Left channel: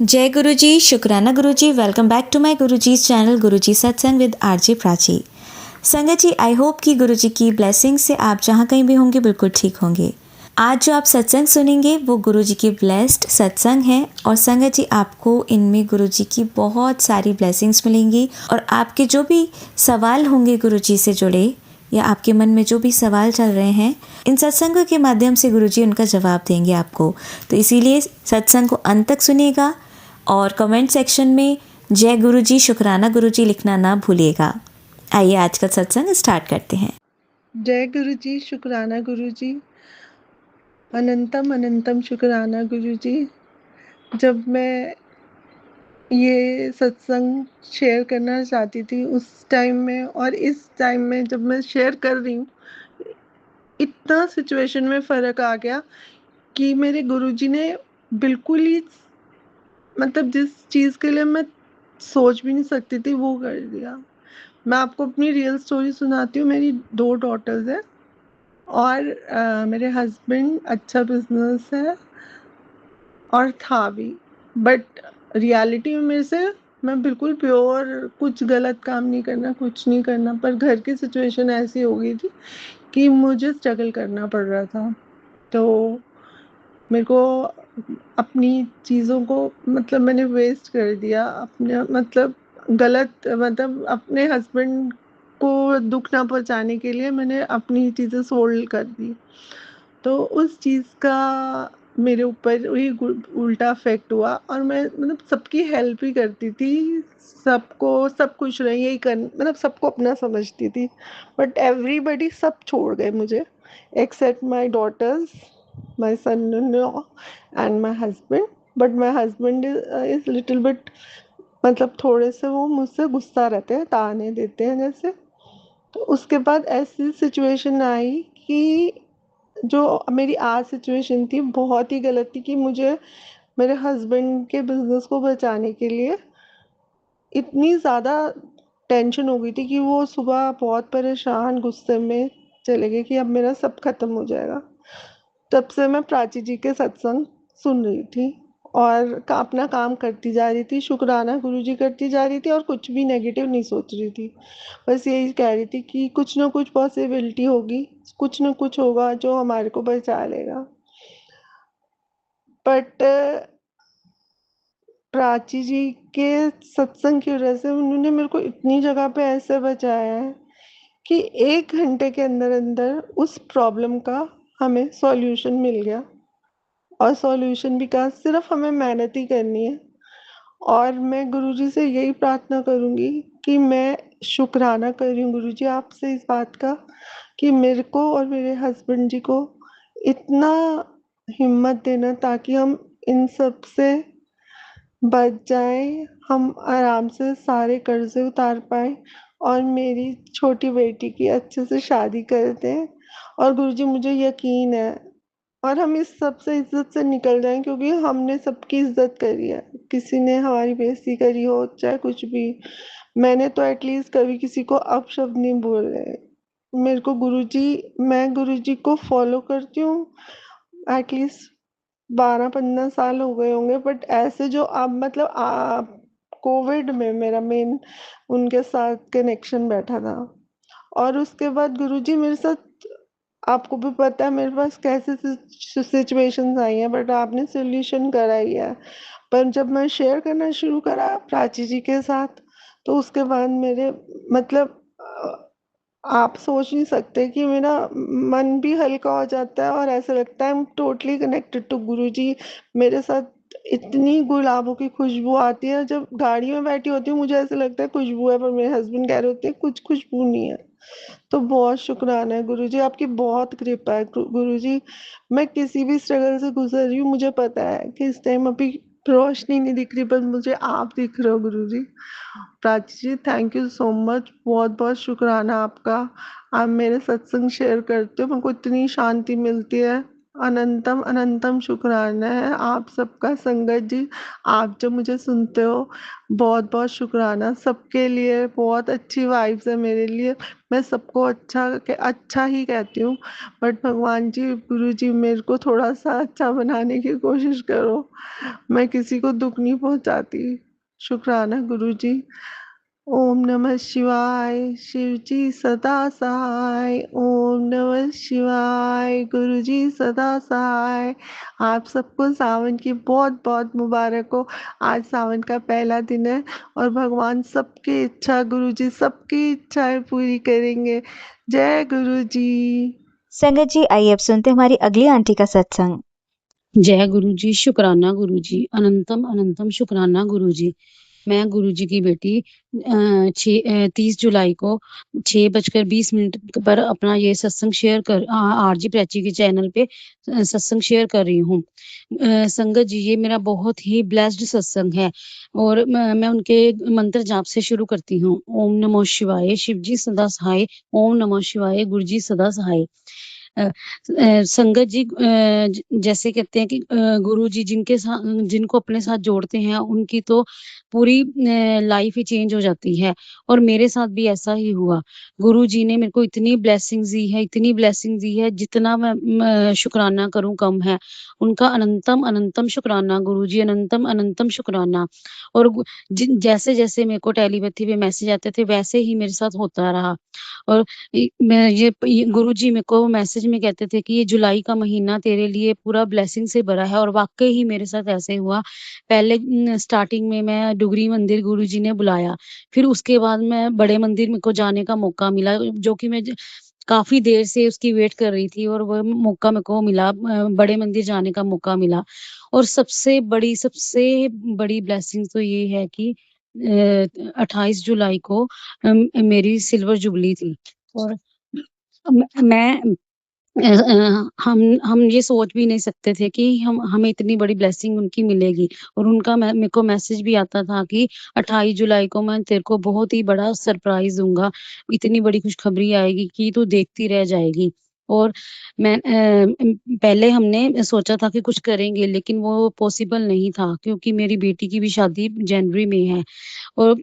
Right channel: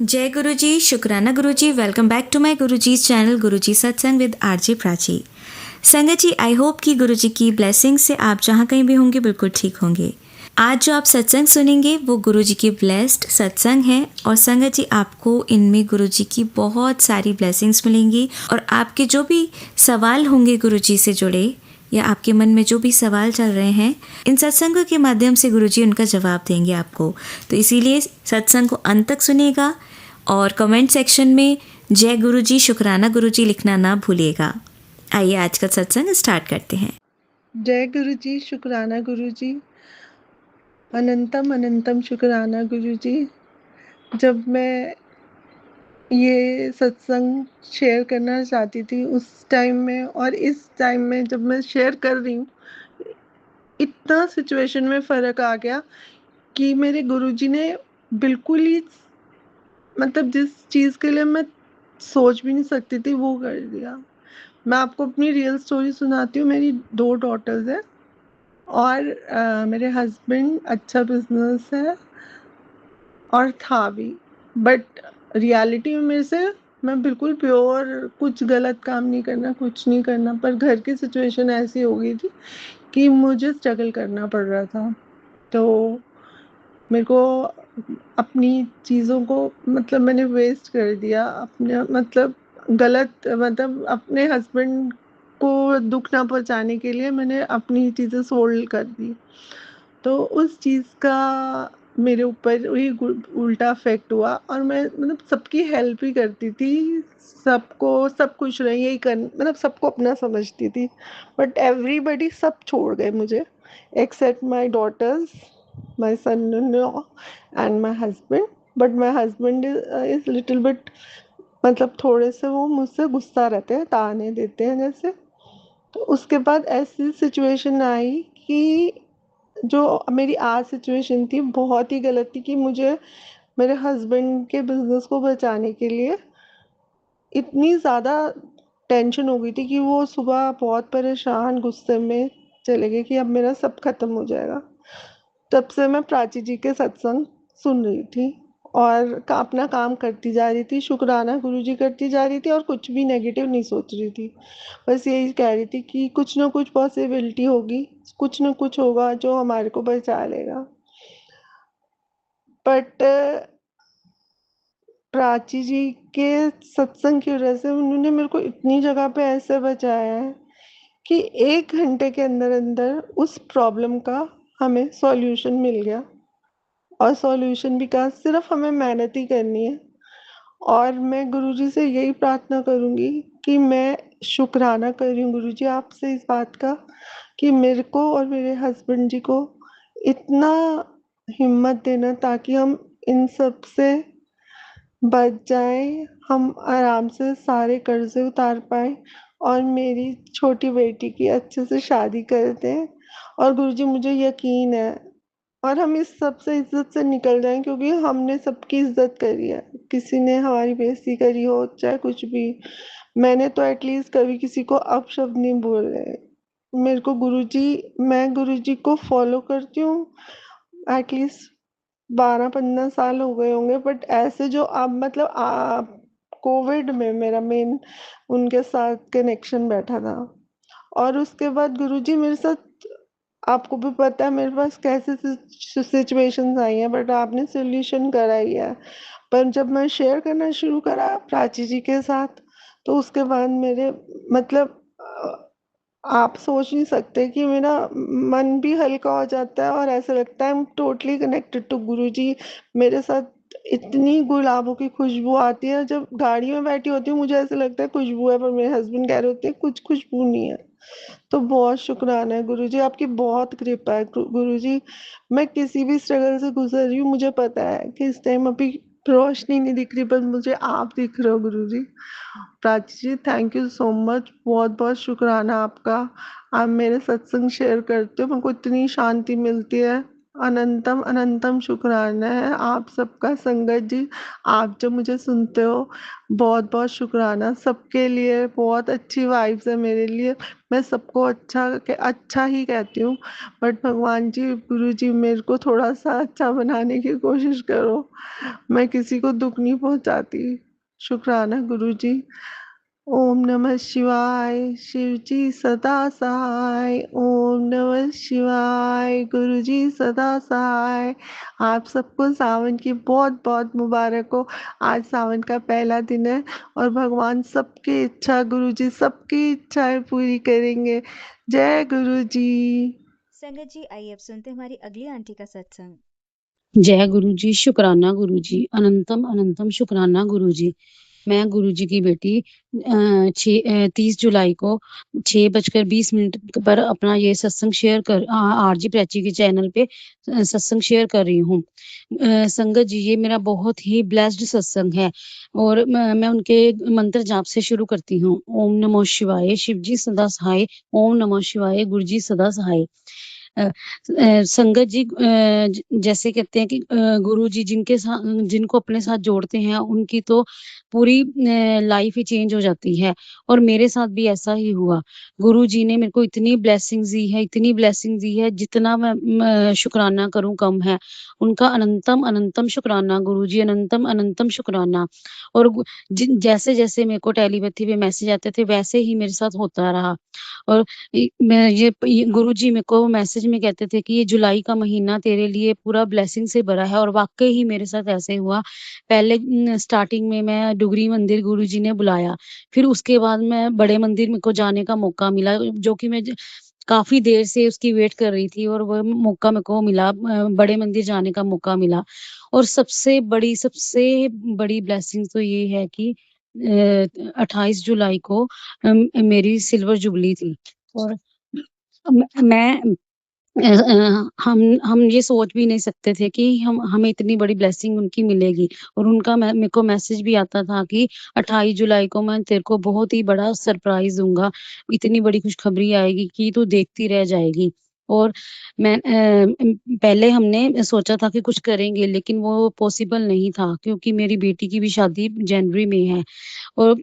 जय गुरु जी, शुक्राना गुरु जी। Welcome back to my Guru ji channel गुरु जी सत्संग विद आरजे प्राची। संगत जी, आई होप कि गुरु जी की ब्लेसिंग से आप जहाँ कहीं भी होंगे बिल्कुल ठीक होंगे। आज जो आप सत्संग सुनेंगे वो गुरु जी की ब्लेस्ड सत्संग है और संगत जी आपको इनमें गुरु जी की बहुत सारी ब्लेसिंग्स मिलेंगी और आपके जो भी सवाल होंगे गुरु जी से जुड़े या आपके मन में जो भी सवाल चल रहे हैं, इन सत्संगों के माध्यम से गुरुजी उनका जवाब देंगे आपको। तो इसीलिए सत्संग को अंत तक सुनिएगा और कमेंट सेक्शन में जय गुरुजी, शुक्राना गुरुजी लिखना ना भूलिएगा। आइए आज का सत्संग स्टार्ट करते हैं। जय गुरु जी, शुक्राना गुरु जी, अनंतम अनंतम शुक्राना गुरु जी। जब मैं ये सत्संग शेयर करना चाहती थी उस टाइम में और इस टाइम में जब मैं शेयर कर रही हूँ, इतना सिचुएशन में फ़र्क आ गया कि मेरे गुरुजी ने बिल्कुल ही मतलब जिस चीज़ के लिए मैं सोच भी नहीं सकती थी वो कर दिया। मैं आपको अपनी रियल स्टोरी सुनाती हूँ। मेरी 2 डॉटर्स हैं और मेरे हस्बैंड अच्छा बिजनेस है और था भी, बट रियलिटी में मेरे से मैं बिल्कुल प्योर, कुछ गलत काम नहीं करना, कुछ नहीं करना, पर घर की सिचुएशन ऐसी हो गई थी कि मुझे स्ट्रगल करना पड़ रहा था। तो मेरे को अपनी चीज़ों को मतलब मैंने वेस्ट कर दिया, अपने मतलब गलत मतलब अपने हस्बैंड को दुख ना पहुंचाने के लिए मैंने अपनी चीज़ें सोल्ड कर दी। तो उस चीज़ का मेरे ऊपर वही उल्टा इफेक्ट हुआ और मैं मतलब सबकी हेल्प ही करती थी, सबको सब खुश रहे यही कर मतलब सबको अपना समझती थी, बट एवरीबडी सब छोड़ गए मुझे except my daughters, my son in law and my husband. But my husband is little bit मतलब थोड़े से वो मुझसे गुस्सा रहते हैं, ताने देते हैं जैसे। तो उसके बाद ऐसी सिचुएशन आई कि जो मेरी आज सिचुएशन थी बहुत ही गलत थी कि मुझे मेरे हस्बैंड के बिजनेस को बचाने के लिए इतनी ज़्यादा टेंशन हो गई थी कि वो सुबह बहुत परेशान गुस्से में चले गए कि अब मेरा सब खत्म हो जाएगा। तब से मैं प्राची जी के सत्संग सुन रही थी और अपना काम करती जा रही थी, शुक्राना गुरुजी करती जा रही थी और कुछ भी नेगेटिव नहीं सोच रही थी। बस यही कह रही थी कि कुछ ना कुछ पॉसिबिलिटी होगी, कुछ ना कुछ होगा जो हमारे को बचा लेगा। बट प्राची जी के सत्संग की वजह से उन्होंने मेरे को इतनी जगह पे ऐसे बचाया है कि 1 घंटे के अंदर अंदर उस प्रॉब्लम का हमें सॉल्यूशन मिल गया। और सॉल्यूशन भी कहा, सिर्फ हमें मेहनत ही करनी है। और मैं गुरुजी से यही प्रार्थना करूंगी कि मैं शुक्राना कर रही हूँ गुरुजी आपसे इस बात का कि मेरे को और मेरे हस्बैंड जी को इतना हिम्मत देना ताकि हम इन सब से बच जाएं, हम आराम से सारे कर्जे उतार पाएं और मेरी छोटी बेटी की अच्छे से शादी कर दें। और गुरुजी मुझे यकीन है और हम इस सब से इज्जत से निकल जाएं क्योंकि हमने सबकी इज्जत करी है, किसी ने हमारी बेइज्जती करी हो चाहे कुछ भी, मैंने तो एटलीस्ट कभी किसी को अपशब्द नहीं बोले। मेरे को गुरुजी, मैं गुरुजी को फॉलो करती हूँ एटलीस्ट 12-15 साल हो गए होंगे, बट ऐसे जो अब मतलब कोविड में मेरा मेन उनके साथ कनेक्शन बैठा था। और उसके बाद गुरुजी मेरे साथ, आपको भी पता है मेरे पास कैसे सिचुएशंस आई हैं, बट आपने सोल्यूशन करा ही है। पर जब मैं शेयर करना शुरू करा प्राची जी के साथ तो उसके बाद मेरे मतलब आप सोच नहीं सकते कि मेरा मन भी हल्का हो जाता है और ऐसा लगता है I am totally connected to Guruji. मेरे साथ इतनी गुलाबों की खुशबू आती है, जब गाड़ी में बैठी होती हूँ मुझे ऐसा लगता है खुशबू है, पर मेरे हस्बैंड कह रहे होते हैं कुछ खुशबू नहीं है। तो बहुत शुक्राना है गुरुजी, आपकी बहुत कृपा है गुरुजी। मैं किसी भी स्ट्रगल से गुजर रही हूँ, मुझे पता है कि इस टाइम अभी रोशनी नहीं दिख रही, पर मुझे आप दिख रहे हो गुरुजी। प्राची जी थैंक यू सो मच, बहुत बहुत शुक्राना आपका। आप मेरे सत्संग शेयर करते हो, मेरे को इतनी शांति मिलती है। अनंतम अनंतम शुक्राना है आप सबका। संगत जी, आप जो मुझे सुनते हो, बहुत बहुत शुक्राना। सबके लिए बहुत अच्छी वाइब्स है मेरे लिए। मैं सबको अच्छा ही कहती हूँ, बट भगवान जी, गुरु जी, मेरे को थोड़ा सा अच्छा बनाने की कोशिश करो। मैं किसी को दुख नहीं पहुंचाती। शुक्राना गुरु जी। ओम नमः शिवाय। शिव जी सदा सहाय। ओम नमः शिवाय। गुरु जी सदा सहाय। आप सबको सावन की बहुत बहुत मुबारक हो। आज सावन का पहला दिन है और भगवान सबकी इच्छा, गुरु जी सबकी इच्छाएं पूरी करेंगे। जय गुरु जी। संगत जी, आइए अब सुनते हैं हमारी अगली आंटी का सत्संग। जय गुरु जी, शुक्राना गुरु जी, अनंतम अनंतम शुक्राना गुरु जी। मैं गुरु जी की बेटी 30 जुलाई को 6:20 पर अपना ये सत्संग शेयर कर आरजी प्राची के चैनल पे सत्संग शेयर कर रही हूँ। संगत जी, ये मेरा बहुत ही ब्लेस्ड सत्संग है और मैं उनके मंत्र जाप से शुरू करती हूँ। ओम नमो शिवाय, शिव जी सदा सहाय। ओम नमो शिवाय, गुरु जी सदा सहाय। संगत जी, जैसे कहते हैं कि गुरु जी जिनको अपने साथ जोड़ते हैं उनकी तो पूरी लाइफ ही चेंज हो जाती है और मेरे साथ भी ऐसा ही हुआ। गुरु जी ने मेरे को इतनी ब्लेसिंग्स दी है, इतनी ब्लेसिंग्स दी है, जितना मैं शुक्राना करूं कम है। उनका अनंतम अनंतम शुक्राना गुरु जी, अनंतम अनंतम शुक्राना। और जैसे जैसे मेरे को टेलीपैथी पे मैसेज आते थे वैसे ही मेरे साथ होता रहा। और मैं ये गुरुजी मेरे को मैसेज में कहते थे कि ये जुलाई का महीना तेरे लिए पूरा ब्लेसिंग से भरा है और वाकई ही मेरे साथ ऐसे हुआ। पहले स्टार्टिंग में मैं डुगरी मंदिर गुरुजी ने बुलाया, फिर उसके बाद मैं बड़े मंदिर मेरे को जाने का मौका मिला, जो कि मैं काफी देर से उसकी वेट कर रही थी और वो मौका मेरे को मिला, बड़े मंदिर जाने का मौका मिला। और सबसे बड़ी ब्लेसिंग तो ये है कि 28 जुलाई को मेरी सिल्वर जुबली थी और मैं हम ये सोच भी नहीं सकते थे कि हम हमें इतनी बड़ी ब्लेसिंग उनकी मिलेगी। और उनका मेरे को मैसेज भी आता था कि 28 जुलाई को मैं तेरे को बहुत ही बड़ा सरप्राइज दूंगा, इतनी बड़ी खुशखबरी आएगी कि तू देखती रह जाएगी। और पहले हमने सोचा था कि कुछ करेंगे लेकिन वो पॉसिबल नहीं था क्योंकि मेरी बेटी की भी शादी जनवरी में है। और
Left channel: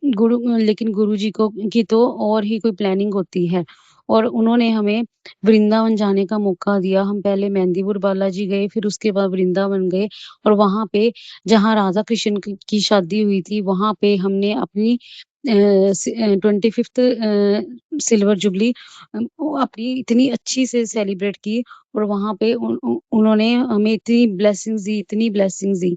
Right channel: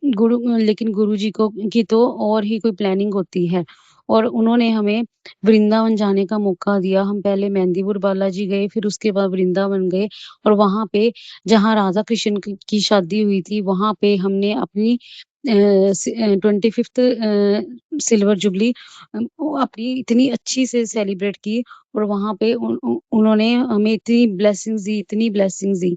लेकिन गुरुजी को की तो और ही कोई प्लानिंग होती है और उन्होंने हमें वृंदावन जाने का मौका दिया। हम पहले मेहंदीपुर बालाजी गए, फिर उसके बाद वृंदावन गए और वहाँ पे जहाँ राधा कृष्ण की शादी हुई थी, वहाँ पे हमने अपनी 25th सिल्वर जुबली अपनी इतनी अच्छी से सेलिब्रेट की। और वहाँ पे उन्होंने हमें इतनी ब्लेसिंग्स दी।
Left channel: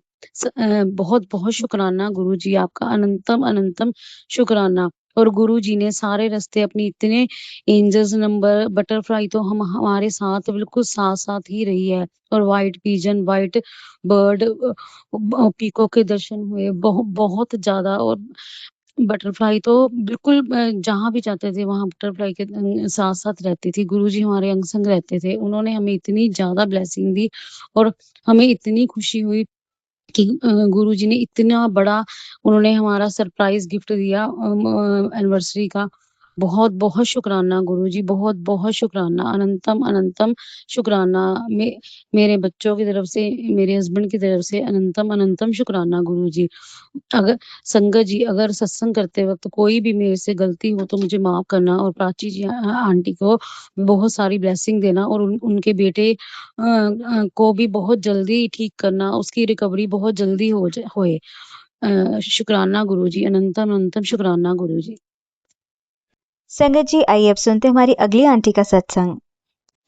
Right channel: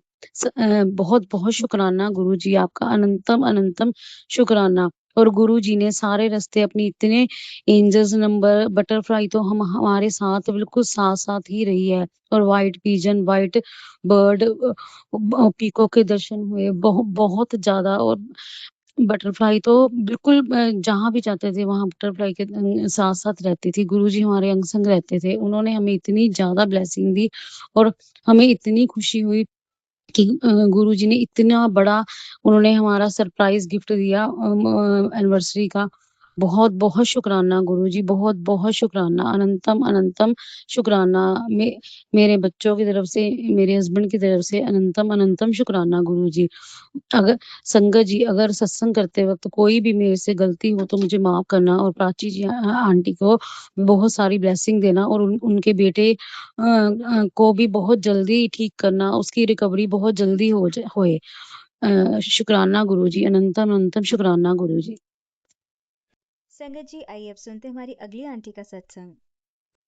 बहुत बहुत शुक्राना गुरु जी, आपका अनंतम अनंतम शुक्राना। और गुरु जी ने सारे रास्ते अपनी इतने एंजल्स नंबर बटरफ्लाई तो हम हमारे साथ बिल्कुल साथ साथ ही रही है। और white pigeon, white bird, peacock के दर्शन हुए बहुत ज्यादा। और बटरफ्लाई तो बिल्कुल जहाँ भी जाते थे वहां बटरफ्लाई के साथ साथ रहती थी। गुरुजी हमारे अंग संग रहते थे, उन्होंने हमें इतनी ज्यादा ब्लेसिंग दी और हमें इतनी खुशी हुई कि गुरुजी ने इतना बड़ा उन्होंने हमारा सरप्राइज गिफ्ट दिया एनिवर्सरी का। बहुत बहुत शुक्राना गुरुजी, बहुत बहुत शुक्राना, अनंतम अनंतम शुक्राना। मेरे बच्चों की तरफ से, मेरे हस्बैंड की तरफ से अनंतम अनंतम शुक्राना गुरुजी। अगर संगत जी, अगर सत्संग करते वक्त कोई भी मेरे से गलती हो तो मुझे माफ करना और प्राची जी आंटी को बहुत सारी ब्लेसिंग देना और उनके बेटे को भी बहुत जल्दी ठीक करना, उसकी रिकवरी बहुत जल्दी होए। शुक्राना गुरुजी, अनंतम अनंतम शुक्राना गुरुजी। संगत जी, आइए अब सुनते हैं हमारी अगली आंटी का सत्संग।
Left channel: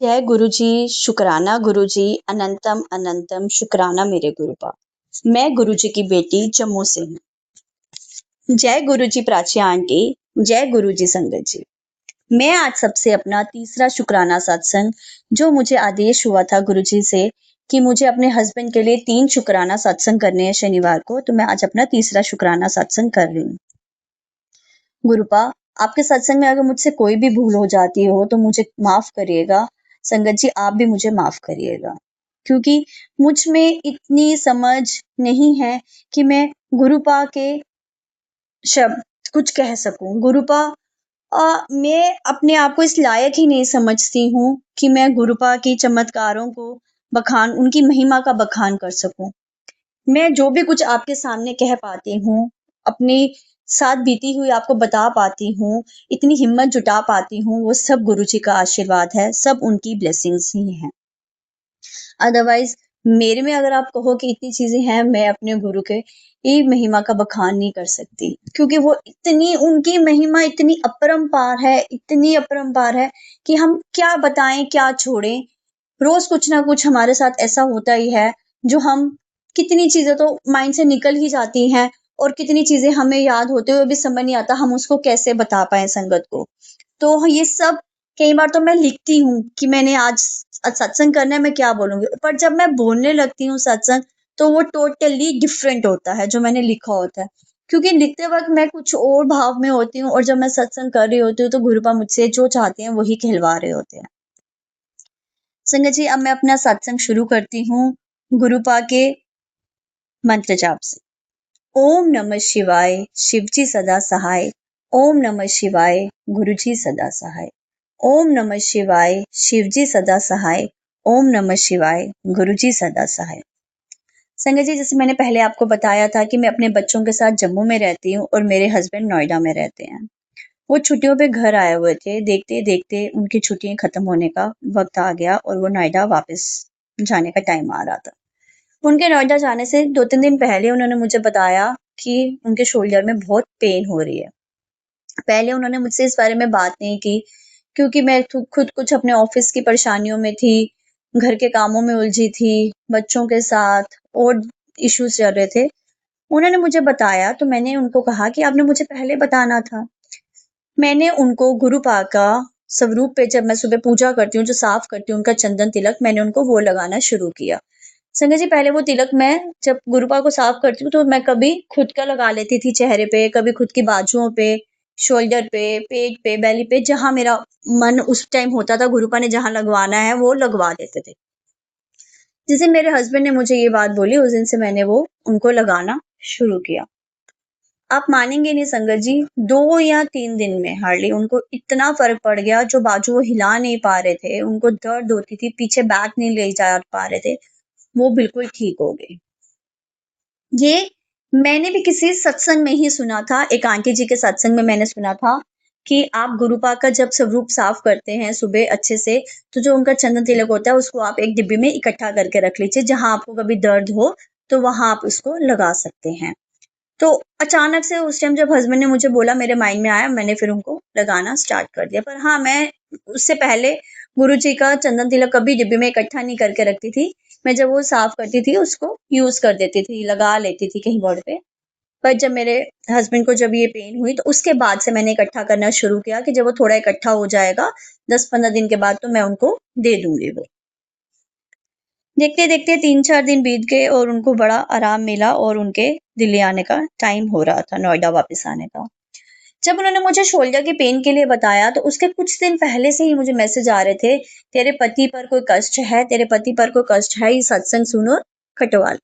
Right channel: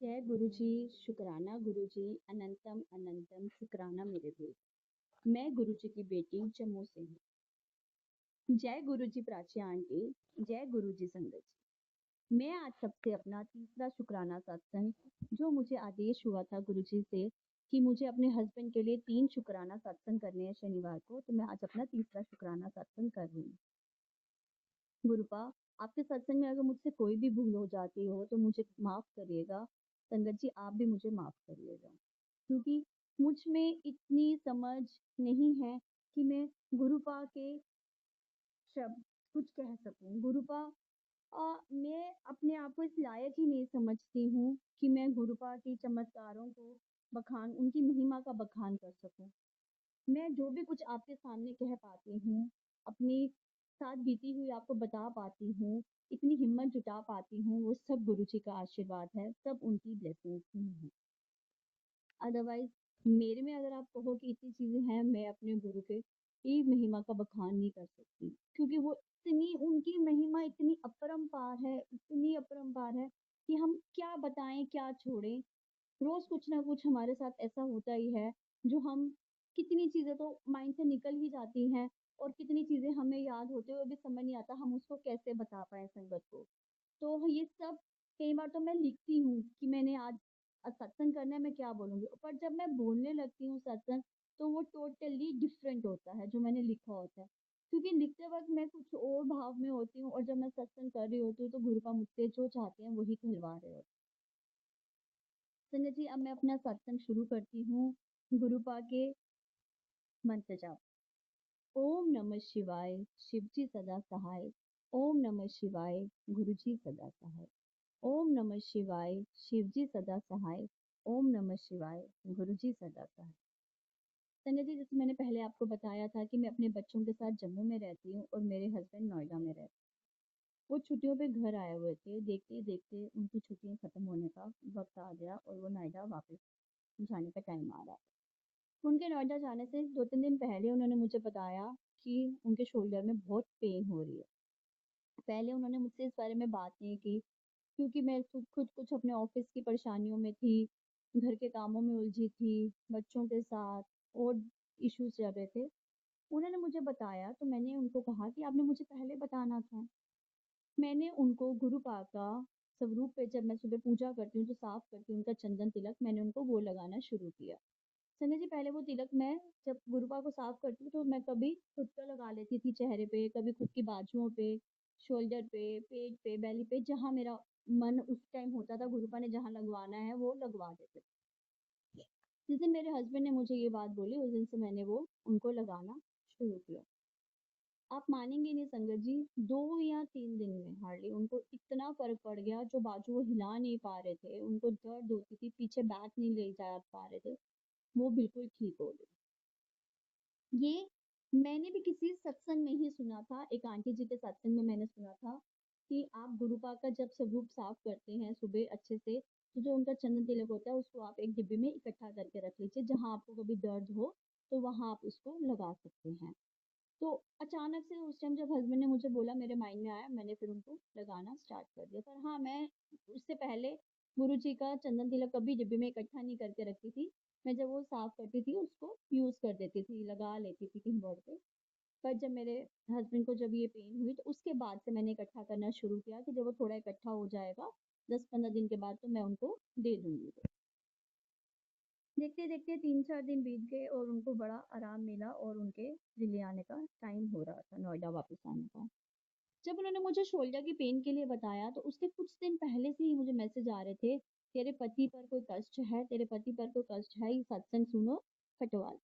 जय गुरु जी, शुक्राना गुरु जी, अनंतम अनंतम शुक्राना मेरे गुरुपा। मैं गुरु जी की बेटी जम्मू से हूँ। जय गुरु जी प्राची आंटी, जय गुरु जी संगत जी। मैं आज सबसे अपना तीसरा शुक्राना सत्संग, जो मुझे आदेश हुआ था गुरु जी से कि मुझे अपने हस्बैंड के लिए 3 शुक्राना सत्संग करने हैं शनिवार को, तो मैं आज अपना तीसरा शुक्राना सत्संग कर रही हूँ। गुरुपा, आपके सत्संग में अगर मुझसे कोई भी भूल हो जाती हो तो मुझे माफ करिएगा। संगत जी, आप भी मुझे माफ करिएगा, क्योंकि मुझ में इतनी समझ नहीं है कि मैं गुरुपा के शब्द कुछ कह सकूं। गुरुपा, मैं अपने आप को इस लायक ही नहीं समझती हूँ कि मैं गुरुपा की चमत्कारों को बखान, उनकी महिमा का बखान कर सकूं। मैं जो भी कुछ आपके सामने कह पाती हूँ, अपने साथ बीती हुई आपको बता पाती हूँ, इतनी हिम्मत जुटा पाती हूँ, वो सब गुरुजी का आशीर्वाद है, सब उनकी ब्लेसिंग्स ही हैं। अदरवाइज मेरे में अगर आप कहो कि इतनी चीजें हैं, मैं अपने गुरु के ये महिमा का बखान नहीं कर सकती, क्योंकि वो इतनी, उनकी महिमा इतनी अपरंपार है, इतनी अपरंपार है कि हम क्या बताएं, क्या छोड़ें। रोज कुछ ना कुछ हमारे साथ ऐसा होता ही है, जो हम, कितनी चीजें तो माइंड से निकल ही जाती हैं, और कितनी चीजें हमें याद होते हुए भी समझ नहीं आता हम उसको कैसे बता पाए संगत को। तो ये सब, कई बार तो मैं लिखती हूँ कि मैंने आज सत्संग करना है, मैं क्या बोलूंगी, पर जब मैं बोलने लगती हूँ सत्संग, तो वो टोटली डिफरेंट होता है जो मैंने लिखा होता है, क्योंकि लिखते वक्त मैं कुछ और भाव में होती हूँ, और जब मैं सत्संग कर रही होती हूँ तो गुरुपा मुझसे जो चाहते हैं वही कहलवा रहे होते हैं। संगत जी, अब मैं अपना सत्संग शुरू करती हूँ गुरुपा के मंत्र जाप से। ओम नमः शिवाय, शिवजी सदा सहाय। ओम नमः शिवाय, गुरुजी सदा सहाय। ओम नमः शिवाय, शिवजी सदा सहाय। ओम नमः शिवाय, गुरुजी सदा सहाय। संगत जी, जैसे मैंने पहले आपको बताया था कि मैं अपने बच्चों के साथ जम्मू में रहती हूँ और मेरे हस्बैंड नोएडा में रहते हैं। वो छुट्टियों पे घर आए हुए थे, देखते देखते उनकी छुट्टियां खत्म होने का वक्त आ गया और वो नोएडा वापस जाने का टाइम आ रहा था। उनके नोएडा जाने से 2-3 दिन पहले उन्होंने मुझे बताया कि उनके शोल्डर में बहुत पेन हो रही है। पहले उन्होंने मुझसे इस बारे में बात नहीं की, क्योंकि मैं खुद कुछ अपने ऑफिस की परेशानियों में थी, घर के कामों में उलझी थी, बच्चों के साथ और इश्यूज चल रहे थे। उन्होंने मुझे बताया तो मैंने उनको कहा कि आपने मुझे पहले बताना था। मैंने उनको गुरुपा का स्वरूप पे, जब मैं सुबह पूजा करती हूँ, जो साफ करती हूँ उनका चंदन तिलक, मैंने उनको वो लगाना शुरू किया। संगत जी, पहले वो तिलक मैं जब गुरुपा को साफ करती हूँ तो मैं कभी खुद का लगा लेती थी चेहरे पे, कभी खुद की बाजुओं पे, शोल्डर पे, पेट पे, बेली पे, जहां मेरा मन उस टाइम होता था गुरुपा ने जहां लगवाना है वो लगवा देते थे। जिस दिन मेरे हस्बैंड ने मुझे ये बात बोली, उस दिन से मैंने वो उनको लगाना शुरू किया। आप मानेंगे नहीं संगत जी, 2 या 3 दिन में हार्डली उनको इतना फर्क पड़ गया, जो बाजू वो हिला नहीं पा रहे थे, उनको दर्द होती थी, पीछे बैक नहीं ले जा पा रहे थे, वो बिल्कुल ठीक हो गए। ये मैंने भी किसी सत्संग में ही सुना था, एक आंटी जी के सत्संग में मैंने सुना था कि आप गुरुपा का जब स्वरूप साफ करते हैं सुबह अच्छे से, तो जो उनका चंदन तिलक होता है उसको आप एक डिब्बी में इकट्ठा करके रख लीजिए, जहां आपको कभी दर्द हो तो वहां आप उसको लगा सकते हैं। तो अचानक से उस टाइम जब हस्बैंड ने मुझे बोला, मेरे माइंड में आया, मैंने फिर उनको लगाना स्टार्ट कर दिया। पर हाँ, मैं उससे पहले गुरुजी का चंदन तिलक कभी डिब्बे में इकट्ठा नहीं करके रखती थी। मैं जब वो साफ करती थी उसको यूज कर देती थी, लगा लेती थी कहीं बॉडी पे। पर जब मेरे हस्बैंड को जब ये पेन हुई तो उसके बाद से मैंने इकट्ठा करना शुरू किया कि जब वो थोड़ा इकट्ठा हो जाएगा 10-15 दिन के बाद, तो मैं उनको दे दूंगी वो। देखते देखते 3-4 दिन बीत गए और उनको बड़ा आराम मिला और उनके दिल्ली आने का टाइम हो रहा था, नोएडा वापस आने का। जब उन्होंने मुझे शोल्डर के पेन के लिए बताया तो उसके कुछ दिन पहले से ही मुझे मैसेज आ रहे थे, तेरे पति पर कोई कष्ट है, तेरे पति पर कोई कष्ट है, ये सत्संग सुनो, खटवाल।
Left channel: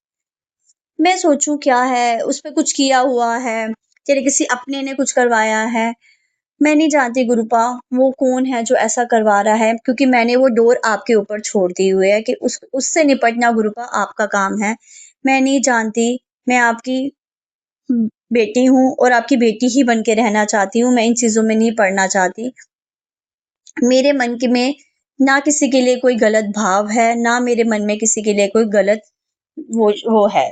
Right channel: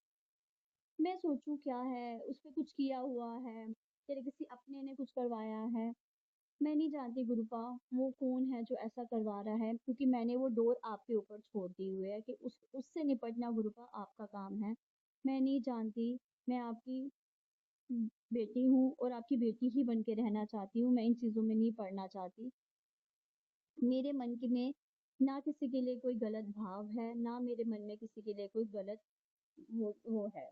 मैं सोचूं क्या है, उस पे कुछ किया हुआ है, तेरे किसी अपने ने कुछ करवाया है। मैं नहीं जानती गुरुपा वो कौन है जो ऐसा करवा रहा है, क्योंकि मैंने वो डोर आपके ऊपर छोड़ दी हुई है कि उससे निपटना गुरुपा आपका काम है। मैं नहीं जानती, मैं आपकी बेटी हूँ और आपकी बेटी ही बन के रहना चाहती हूँ, मैं इन चीजों में नहीं पड़ना चाहती। मेरे मन के में ना किसी के लिए कोई गलत भाव है, ना मेरे मन में किसी के लिए कोई गलत वो है,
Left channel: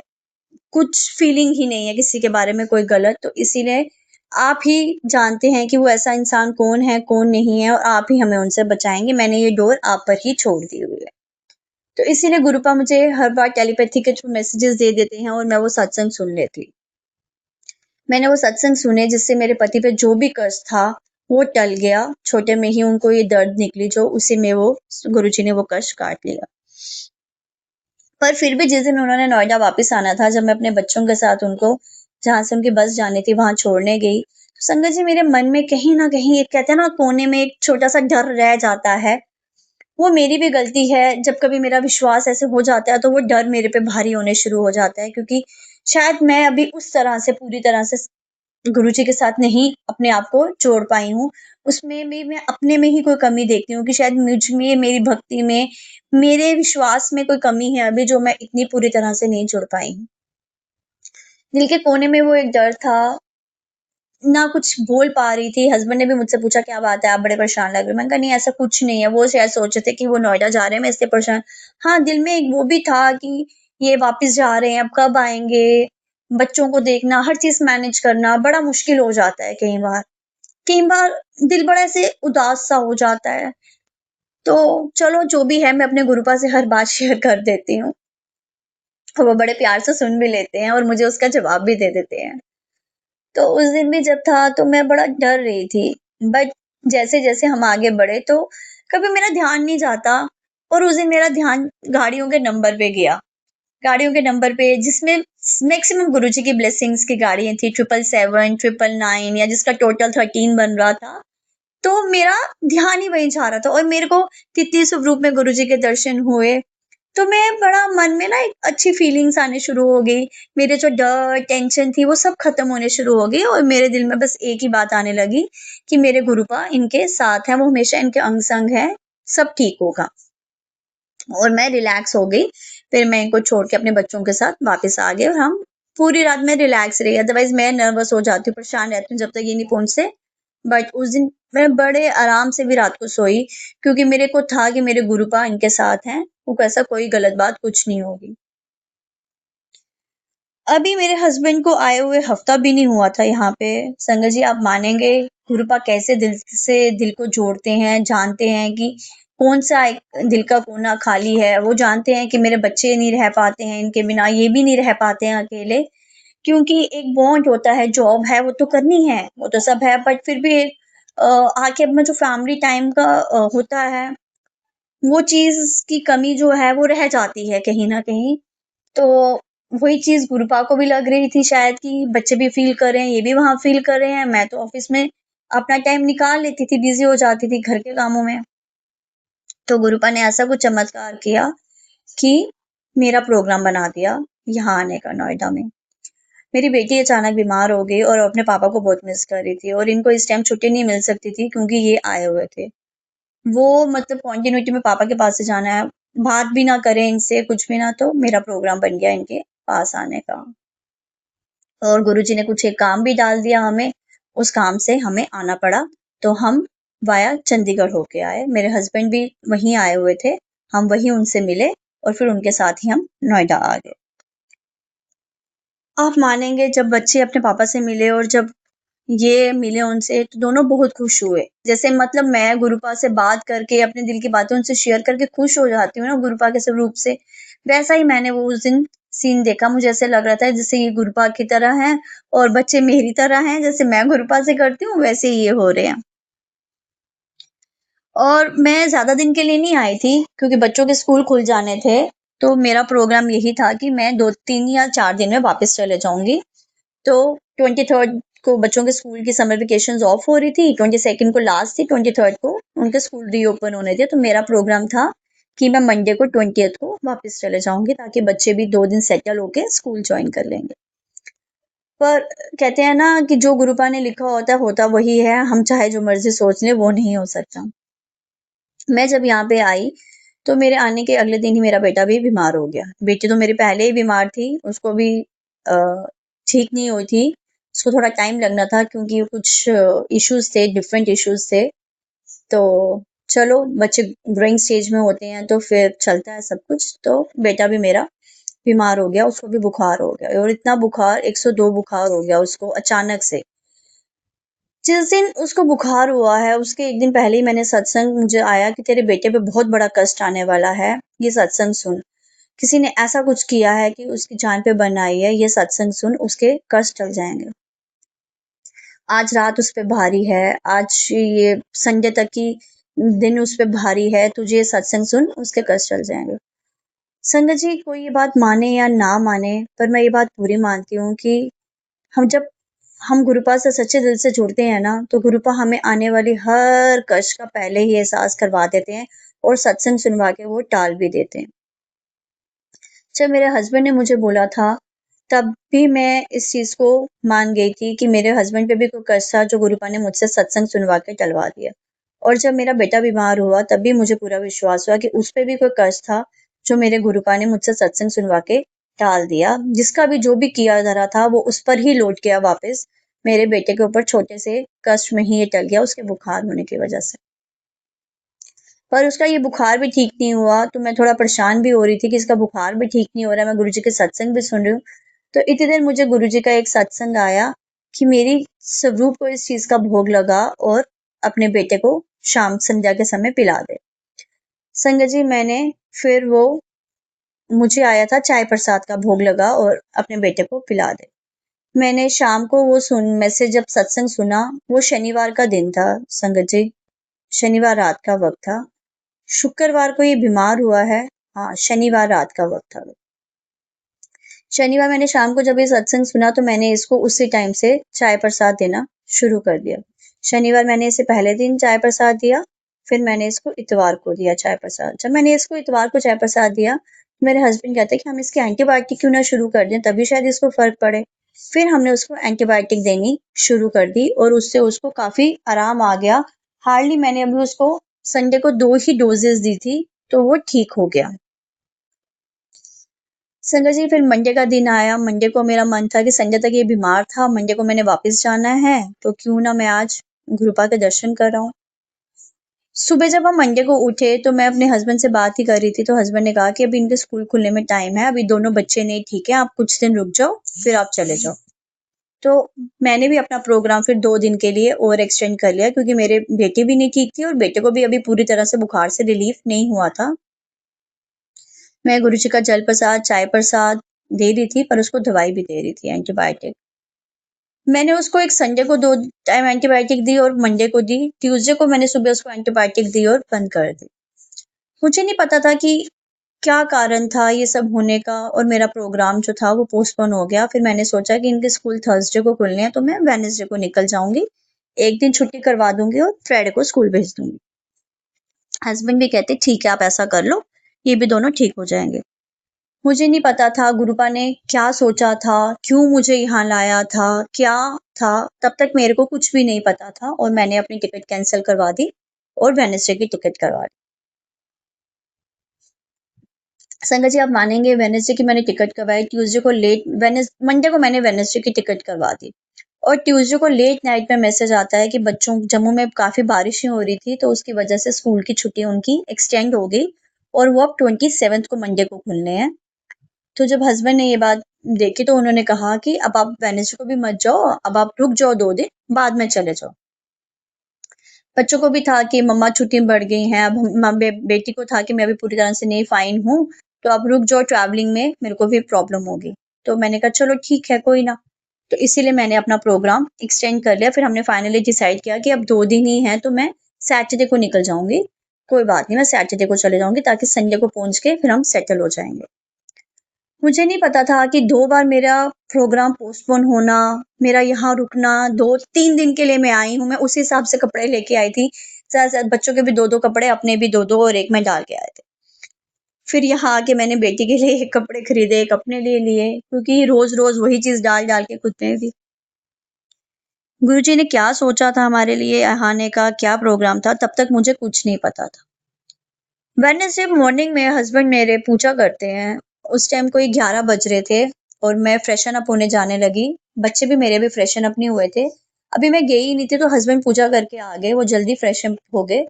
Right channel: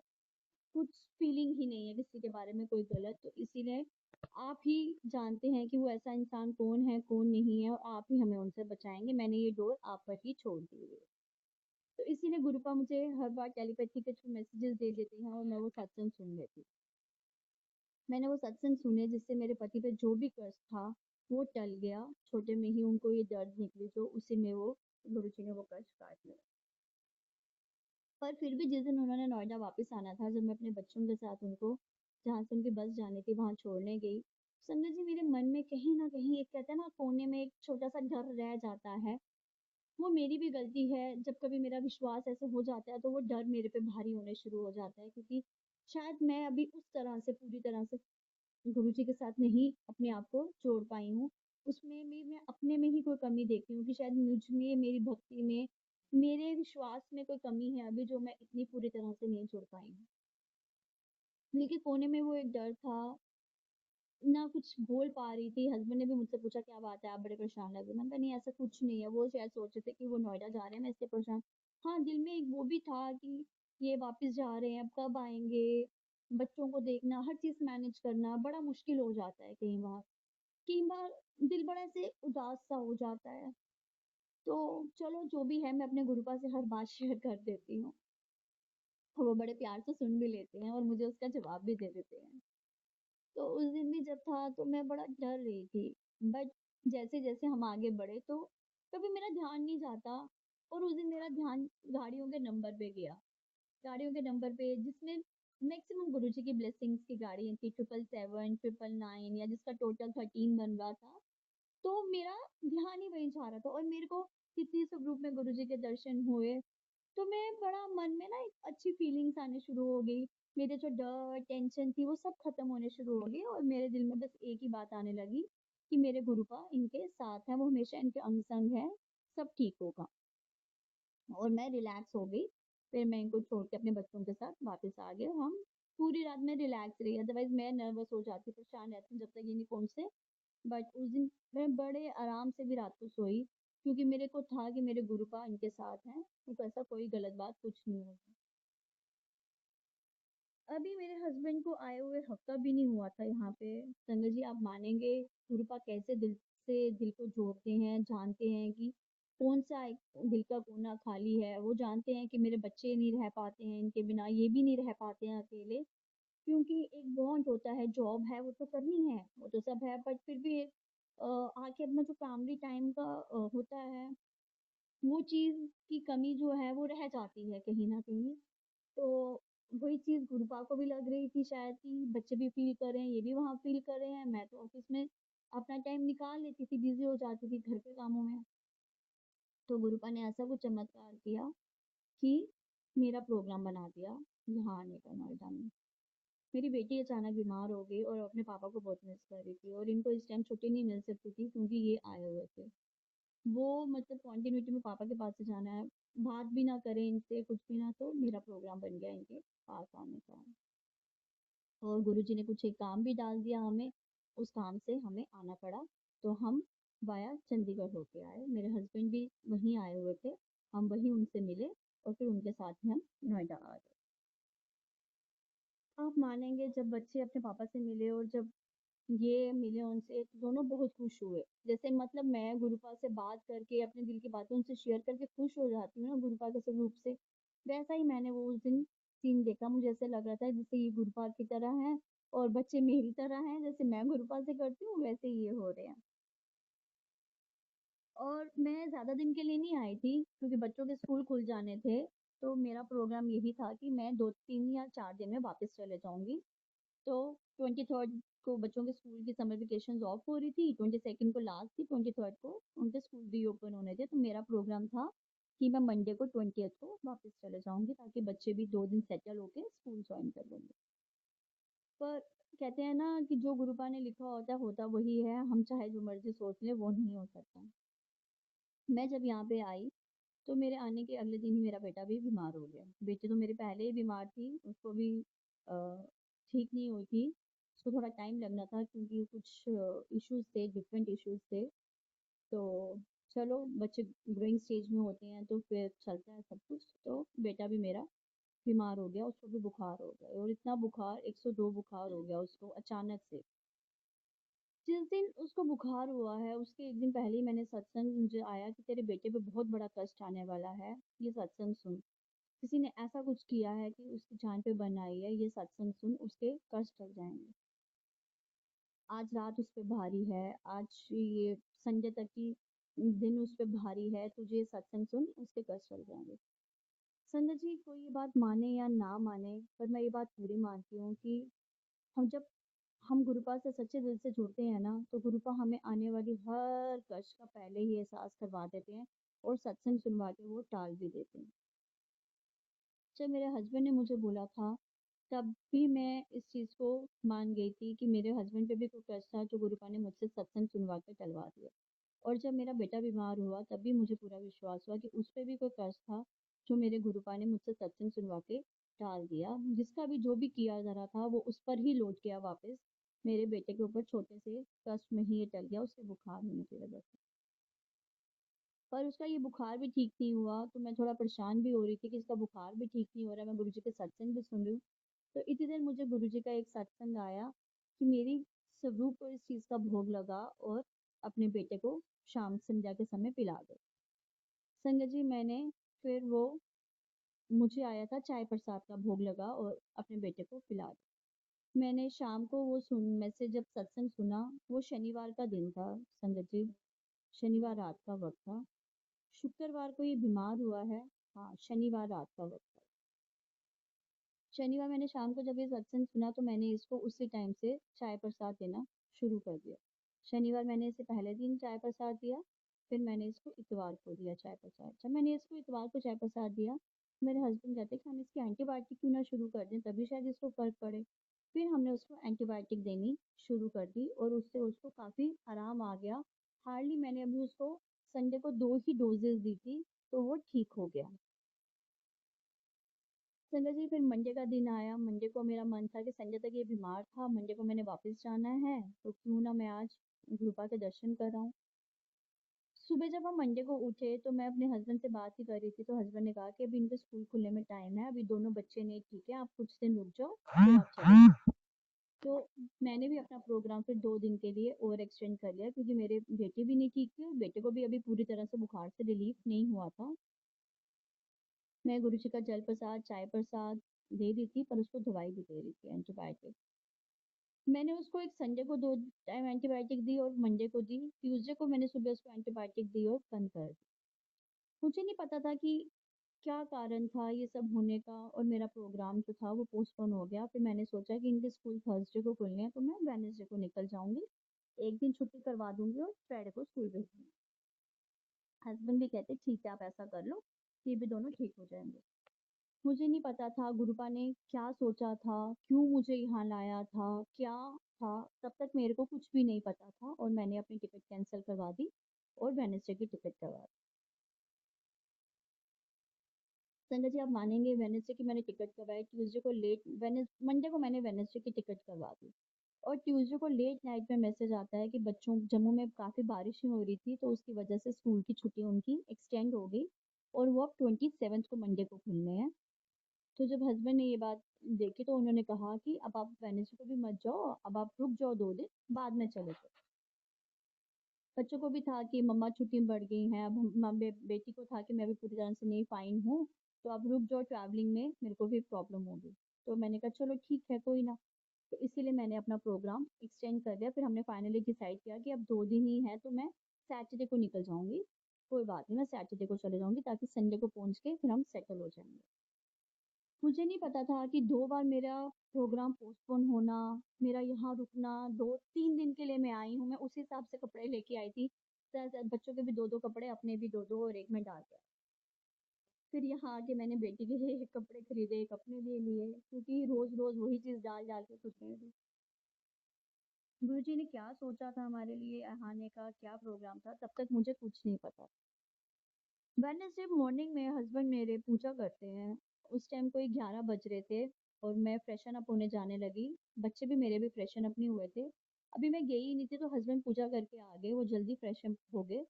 कुछ फीलिंग ही नहीं है किसी के बारे में कोई गलत। तो इसीलिए आप ही जानते हैं कि वो ऐसा इंसान कौन है, कौन नहीं है, और आप ही हमें उनसे बचाएंगे। मैंने ये डोर आप पर ही छोड़ दी हुई है। तो इसीलिए गुरुपा मुझे हर बार टेलीपैथी के थ्रू मैसेजेस दे देते हैं और मैं वो सत्संग सुन लेती। मैंने वो सत्संग सुने जिससे मेरे पति पे जो भी कष्ट था वो टल गया। छोटे में ही उनको ये दर्द निकली, जो उसी में वो गुरुजी ने वो कष्ट काट लिया। पर फिर भी जिस दिन उन्होंने नोएडा वापस आना था, जब मैं अपने बच्चों के साथ उनको जहाँ से उनकी बस जानी थी वहां छोड़ने गई, तो संगत जी मेरे मन में कहीं ना कहीं, एक कहते हैं ना कोने में एक छोटा सा डर रह जाता है। वो मेरी भी गलती है, जब कभी मेरा विश्वास ऐसे हो जाता है तो वो डर मेरे पे भारी होने शुरू हो जाता है, क्योंकि शायद मैं अभी उस तरह से पूरी तरह से गुरुजी के साथ नहीं अपने आप को जोड़ पाई हूँ, उसमें भी मैं अपने में ही कोई कमी देखती हूँ कि शायद मुझ में, मेरी भक्ति में, मेरे विश्वास में कोई कमी है अभी जो मैं इतनी पूरी तरह से नहीं जुड़ पाई हूँ। दिल के कोने में वो एक डर था, ना कुछ बोल पा रही थी, हस्बैंड ने भी मुझसे पूछा क्या बात है, आप बड़े परेशान लग रहे हो। मैंने कहा नहीं ऐसा कुछ नहीं है, वो शायद सोच रहे थे कि वो नोएडा जा रहे हैं, मैं इसलिए परेशान। हाँ, दिल में एक वो भी था कि ये वापस जा रहे हैं, अब कब आएँगे? बच्चों को देखना, हर चीज़ मैनेज करना बड़ा मुश्किल हो जाता है कई बार। कई बार दिल बड़ा ऐसे उदास सा हो जाता है। तो चलो जो भी है मैं अपने गुरुपा से हर बात शेयर कर देती हूँ। वो बड़े प्यार से सुन भी लेते हैं और मुझे उसका जवाब भी दे देते हैं। तो उस दिन भी जब था तो मैं बड़ा डर रही थी। बट जैसे-जैसे हम आगे बढ़े तो कभी मेरा ध्यान नहीं जाता और उस दिन मेरा ध्यान गाड़ियों के नंबर पे गया। गाड़ियों के नंबर पे जिसमें मैक्सिमम गुरुजी की ब्लेसिंग्स की गाड़ियाँ थी 777, 999 या जिसका टोटल 13 बन रहा था। तो मेरा ध्यान ही वहीं जा रहा था और मेरे को तितली स्वरूप में गुरुजी के दर्शन हुए। तो मैं बड़ा मन में ना एक अच्छी फीलिंग्स आने शुरू हो गई। मेरे जो डर, टेंशन थी वो सब खत्म होने शुरू हो गई और मेरे दिल में बस एक ही बात आने लगी कि मेरे गुरुपा इनके साथ हैं, वो हमेशा इनके अंग-संग हैं, सब ठीक होगा। और मैं रिलैक्स हो गई। फिर मैं इनको छोड़ के अपने बच्चों के साथ वापस आ गए और हम पूरी रात मैं रिलैक्स रही। अदरवाइज़ मैं नर्वस हो जाती हूँ, परेशान रहती हूँ जब तक ये नहीं पहुँचते। बट उस दिन मैं बड़े आराम से भी रात को सोई क्योंकि मेरे को था कि मेरे गुरुपा इनके साथ हैं, वो ऐसा कोई गलत बात कुछ नहीं होगी। अभी मेरे हस्बैंड को आए हुए हफ्ता भी नहीं हुआ था यहाँ पे। संगत जी आप मानेंगे गुरुपा कैसे दिल से दिल को जोड़ते हैं, जानते हैं कि कौन-सा एक दिल का कोना खाली है। वो जानते हैं कि मेरे बच्चे नहीं रह पाते हैं इनके बिना, ये भी नहीं रह पाते हैं अकेले। क्योंकि एक बॉन्ड होता है, जॉब है वो तो करनी है, वो तो सब है बट फिर भी एक आके अपना जो फैमिली टाइम का होता है, वो चीज़ की कमी जो है वो रह जाती है कहीं न कहीं। तो वही चीज़ गुरुपा को भी लग रही थी शायद कि बच्चे भी फ़ील कर रहे हैं, ये भी वहाँ फ़ील कर रहे हैं। मैं तो ऑफ़िस में अपना टाइम निकाल लेती थी, बिज़ी हो जाती थी घर के कामों में। तो गुरुपा ने ऐसा कुछ चमत्कार किया कि मेरा प्रोग्राम बना दिया यहाँ आने का नोएडा में। मेरी बेटी अचानक बीमार हो गई और अपने पापा को बहुत मिस कर रही थी और इनको इस टाइम छुट्टी नहीं मिल सकती थी क्योंकि ये आए हुए थे। वो मतलब कंटिन्यूटी में पापा के पास से जाना है, बात भी ना करें इनसे कुछ भी ना तो मेरा प्रोग्राम बन गया इनके पास आने का। और गुरुजी ने कुछ एक काम भी डाल दिया हमें, उस काम से हमें आना पड़ा। तो हम वाया चंडीगढ़ होके आए। मेरे हस्बैंड भी वहीं आए हुए थे, हम वहीं उनसे मिले और फिर उनके साथ ही हम नोएडा आ गए। आप मानेंगे जब बच्चे अपने पापा से मिले और जब ये मिले उनसे तो दोनों बहुत खुश हुए। जैसे मतलब मैं गुरुपा से बात करके अपने दिल की बातें उनसे शेयर करके खुश हो जाती हूँ ना गुरुपा के स्वरूप से, वैसा ही मैंने वो उस दिन सीन देखा। मुझे ऐसे लग रहा था जैसे ये गुरुपा की तरह हैं और बच्चे मेरी तरह हैं, जैसे मैं गुरुपा से करती हूँ वैसे ही ये हो रहे हैं। और मैं ज़्यादा दिन के लिए नहीं आई थी क्योंकि बच्चों के स्कूल खुल जाने थे, तो मेरा प्रोग्राम यही था कि मैं 2-3 या 4 दिन में वापस चले जाऊँगी। तो 23rd को बच्चों के स्कूल की समर वेकेशंस ऑफ हो रही थी, 22nd को लास्ट थी, 23rd को उनके स्कूल रीओपन होने थे। तो मेरा प्रोग्राम था कि मैं मंडे को 20th को वापस चले जाऊँगी ताकि बच्चे भी 2 दिन सेटल होके स्कूल जॉइन कर लेंगे। पर कहते हैं ना कि जो गुरुपा ने लिखा होता वही है, हम चाहे जो मर्ज़ी सोच लें वो नहीं हो सकता। मैं जब यहाँ पे आई, तो मेरे आने के अगले दिन ही मेरा बेटा भी बीमार हो गया। बेटी तो मेरी पहले ही बीमार थी, उसको भी अ, ठीक नहीं हुई थी। उसको थोड़ा टाइम लगना था क्योंकि कुछ इश्यूज़ थे, डिफरेंट इश्यूज़ थे। तो चलो बच्चे ग्रोइंग स्टेज में होते हैं तो फिर चलता है सब कुछ। तो बेटा भी मेरा बीमार हो गया, उसको भी बुखार हो गया और इतना बुखार 102 बुखार हो गया उसको अचानक से। जिस दिन उसको बुखार हुआ है, उसके 1 दिन पहले ही मैंने सत्संग मुझे आया कि तेरे बेटे पे बहुत बड़ा कष्ट आने वाला है, ये सत्संग सुन। किसी ने ऐसा कुछ किया है कि उसकी जान पे बन आई है, ये सत्संग सुन, उसके कष्ट टल जाएँगे। आज रात उस पे भारी है, आज ये संडे तक की दिन उस पे भारी है, तुझे ये सत्संग सुन, उसके कष्ट टल जाएँगे। संगत जी, कोई ये बात माने या ना माने, पर मैं ये बात पूरी मानती हूँ कि हम जब हम गुरुपा से सच्चे दिल से जुड़ते हैं ना, तो गुरुपा हमें आने वाली हर कष्ट का पहले ही एहसास करवा देते हैं और सत्संग सुनवा के वो टाल भी देते हैं। जब मेरे हस्बैंड ने मुझे बोला था तब भी मैं इस चीज़ को मान गई थी कि मेरे हस्बैंड पे भी कोई कर्ज था जो गुरुपा ने मुझसे सत्संग सुनवा के टलवा दिया। और जब मेरा बेटा बीमार हुआ तब भी मुझे पूरा विश्वास हुआ कि उस पे भी कोई कर्ज था जो मेरे गुरुपा ने मुझसे सत्संग सुनवा के टाल दिया। जिसका भी जो भी किया धरा था वो उस पर ही लौट गया वापस। मेरे बेटे के ऊपर छोटे से कष्ट में ही ये टल गया उसके बुखार होने की वजह से। पर उसका ये बुखार भी ठीक नहीं हुआ तो मैं थोड़ा परेशान भी हो रही थी कि इसका बुखार भी ठीक नहीं हो रहा है, मैं गुरुजी के सत्संग भी सुन रही हूँ। तो इतनी देर मुझे गुरुजी का एक सत्संग आया कि मेरी स्वरूप को इस चीज़ का भोग लगा और अपने बेटे को शाम संध्या के समय पिला दे। संगत जी मैंने फिर वो मुझे आया था चाय प्रसाद का भोग लगा और अपने बेटे को पिला दे। मैंने शाम को वो मैसेज जब सत्संग सुना, वो शनिवार का दिन था संगत जी, शनिवार रात का वक़्त था। शुक्रवार को ये बीमार हुआ है। हाँ, शनिवार रात का वक़्त था। शनिवार मैंने शाम को जब ये सत्संग सुना तो मैंने इसको उसी टाइम से चाय प्रसाद देना शुरू कर दिया। शनिवार मैंने इसे पहले दिन चाय प्रसाद दिया, फिर मैंने इसको इतवार को दिया चाय प्रसाद। जब मैंने इसको इतवार को चाय प्रसाद दिया, मेरे हस्बैंड कहते हैं कि हम इसकी एंटीबायोटिक क्यों ना शुरू कर दें, तभी शायद इसको फ़र्क पड़े। फिर हमने उसको एंटीबायोटिक देनी शुरू कर दी और उससे उसको काफ़ी आराम आ गया। हार्डली मैंने अभी उसको संडे को 2 ही डोज़ेज़ दी थी, तो वो ठीक हो गया। संगत जी फिर मंडे का दिन आया, मंडे को मेरा मन था कि संडे तक ये बीमार था, मंडे को मैंने वापस जाना है, तो क्यों ना मैं आज गुरुपा के दर्शन कर आऊँ। सुबह जब हम मंडे को उठे तो मैं अपने हस्बैंड से बात ही कर रही थी, तो हस्बैंड ने कहा कि अभी इनके स्कूल खुलने में टाइम है, अभी दोनों बच्चे नहीं ठीक है, आप कुछ दिन रुक जाओ, फिर आप चले जाओ। तो मैंने भी अपना प्रोग्राम फिर 2 दिन के लिए और एक्सटेंड कर लिया क्योंकि मेरे बेटी भी नहीं ठीक थी और बेटे को भी अभी पूरी तरह से बुखार से रिलीफ नहीं हुआ था। मैं गुरुजी का जल प्रसाद, चाय प्रसाद दे रही थी पर उसको दवाई भी दे रही थी एंटीबायोटिक। मैंने उसको एक संडे को 2 टाइम एंटीबायोटिक दी और मंडे को दी। ट्यूसडे को मैंने सुबह उसको एंटीबायोटिक दी और बंद कर दी। मुझे नहीं पता था कि क्या कारण था ये सब होने का और मेरा प्रोग्राम जो था वो पोस्टपोन हो गया। फिर मैंने सोचा कि इनके स्कूल थर्सडे को खुलने हैं तो मैं वेडनेसडे को निकल जाऊँगी। 1 दिन छुट्टी करवा दूँगी और फ्राइडे को स्कूल भेज दूँगी। हस्बैंड भी कहते ठीक है आप ऐसा कर लो, ये भी दोनों ठीक हो जाएँगे। मुझे नहीं पता था गुरुपा ने क्या सोचा था, क्यों मुझे यहाँ लाया था, क्या था, तब तक मेरे को कुछ भी नहीं पता था और मैंने अपनी टिकट कैंसल करवा दी और वेडनेसडे की टिकट करवा दी। संगत जी आप मानेंगे वेडनेसडे की मैंने टिकट करवाई, ट्यूसडे को मंडे को मैंने वेडनेसडे की टिकट करवा दी और ट्यूसडे को लेट नाइट में मैसेज आता है कि बच्चों जम्मू में काफ़ी बारिशें हो रही थी तो उसकी वजह से स्कूल की छुट्टी उनकी एक्सटेंड हो गई और वो अब 27th को मंडे को खुलने हैं। तो जब हस्बैंड ने ये बात देखी तो उन्होंने कहा कि अब आप वेडनेसडे को भी मत जाओ, अब आप रुक जाओ 2 दिन, बाद में चले जाओ। बच्चों को भी था कि मम्मा छुट्टी बढ़ गई हैं, अब बेटी को था कि मैं अभी पूरी तरह से नहीं फाइन हूँ, तो आप रुक जाओ ट्रैवलिंग में, मेरे को भी प्रॉब्लम होगी। तो मैंने कहा चलो ठीक है, कोई ना। तो इसीलिए मैंने अपना प्रोग्राम एक्सटेंड कर लिया, फिर हमने फाइनली डिसाइड किया कि अब 2 दिन ही हैं, तो मैं सैटरडे को निकल जाऊँगी। कोई बात नहीं, मैं सैटरडे को चले जाऊँगी ताकि संडे को पहुँच के फिर हम सेटल हो जाएँगे। मुझे नहीं पता था कि 2 बार मेरा प्रोग्राम पोस्टपोन होना, मेरा यहाँ रुकना, 2-3 दिन के लिए मैं आई हूँ, मैं उसी हिसाब से कपड़े लेके आई थी। ज़्यादा से ज़्यादा बच्चों के भी 2-2 कपड़े, अपने भी 2-2 और एक मैं डाल के आए थे। फिर यहाँ आके मैंने बेटी के लिए 1 कपड़े खरीदे, 1 अपने लिए लिए, क्योंकि रोज़-रोज़ वही चीज़ डाल-डाल के खुद में भी। गुरुजी ने क्या सोचा था हमारे लिए आने का, क्या प्रोग्राम था, तब तक मुझे कुछ नहीं पता था। वेडनेसडे मॉर्निंग में हस्बैंड मेरे पूजा करते हैं, उस टाइम कोई 11 बज रहे थे और मैं फ्रेशन अप होने जाने लगी। बच्चे भी मेरे भी फ्रेशन अप नहीं हुए थे। अभी मैं गई ही नहीं थी तो हस्बैंड पूजा करके आ गए, वो जल्दी फ्रेशन अप हो गए।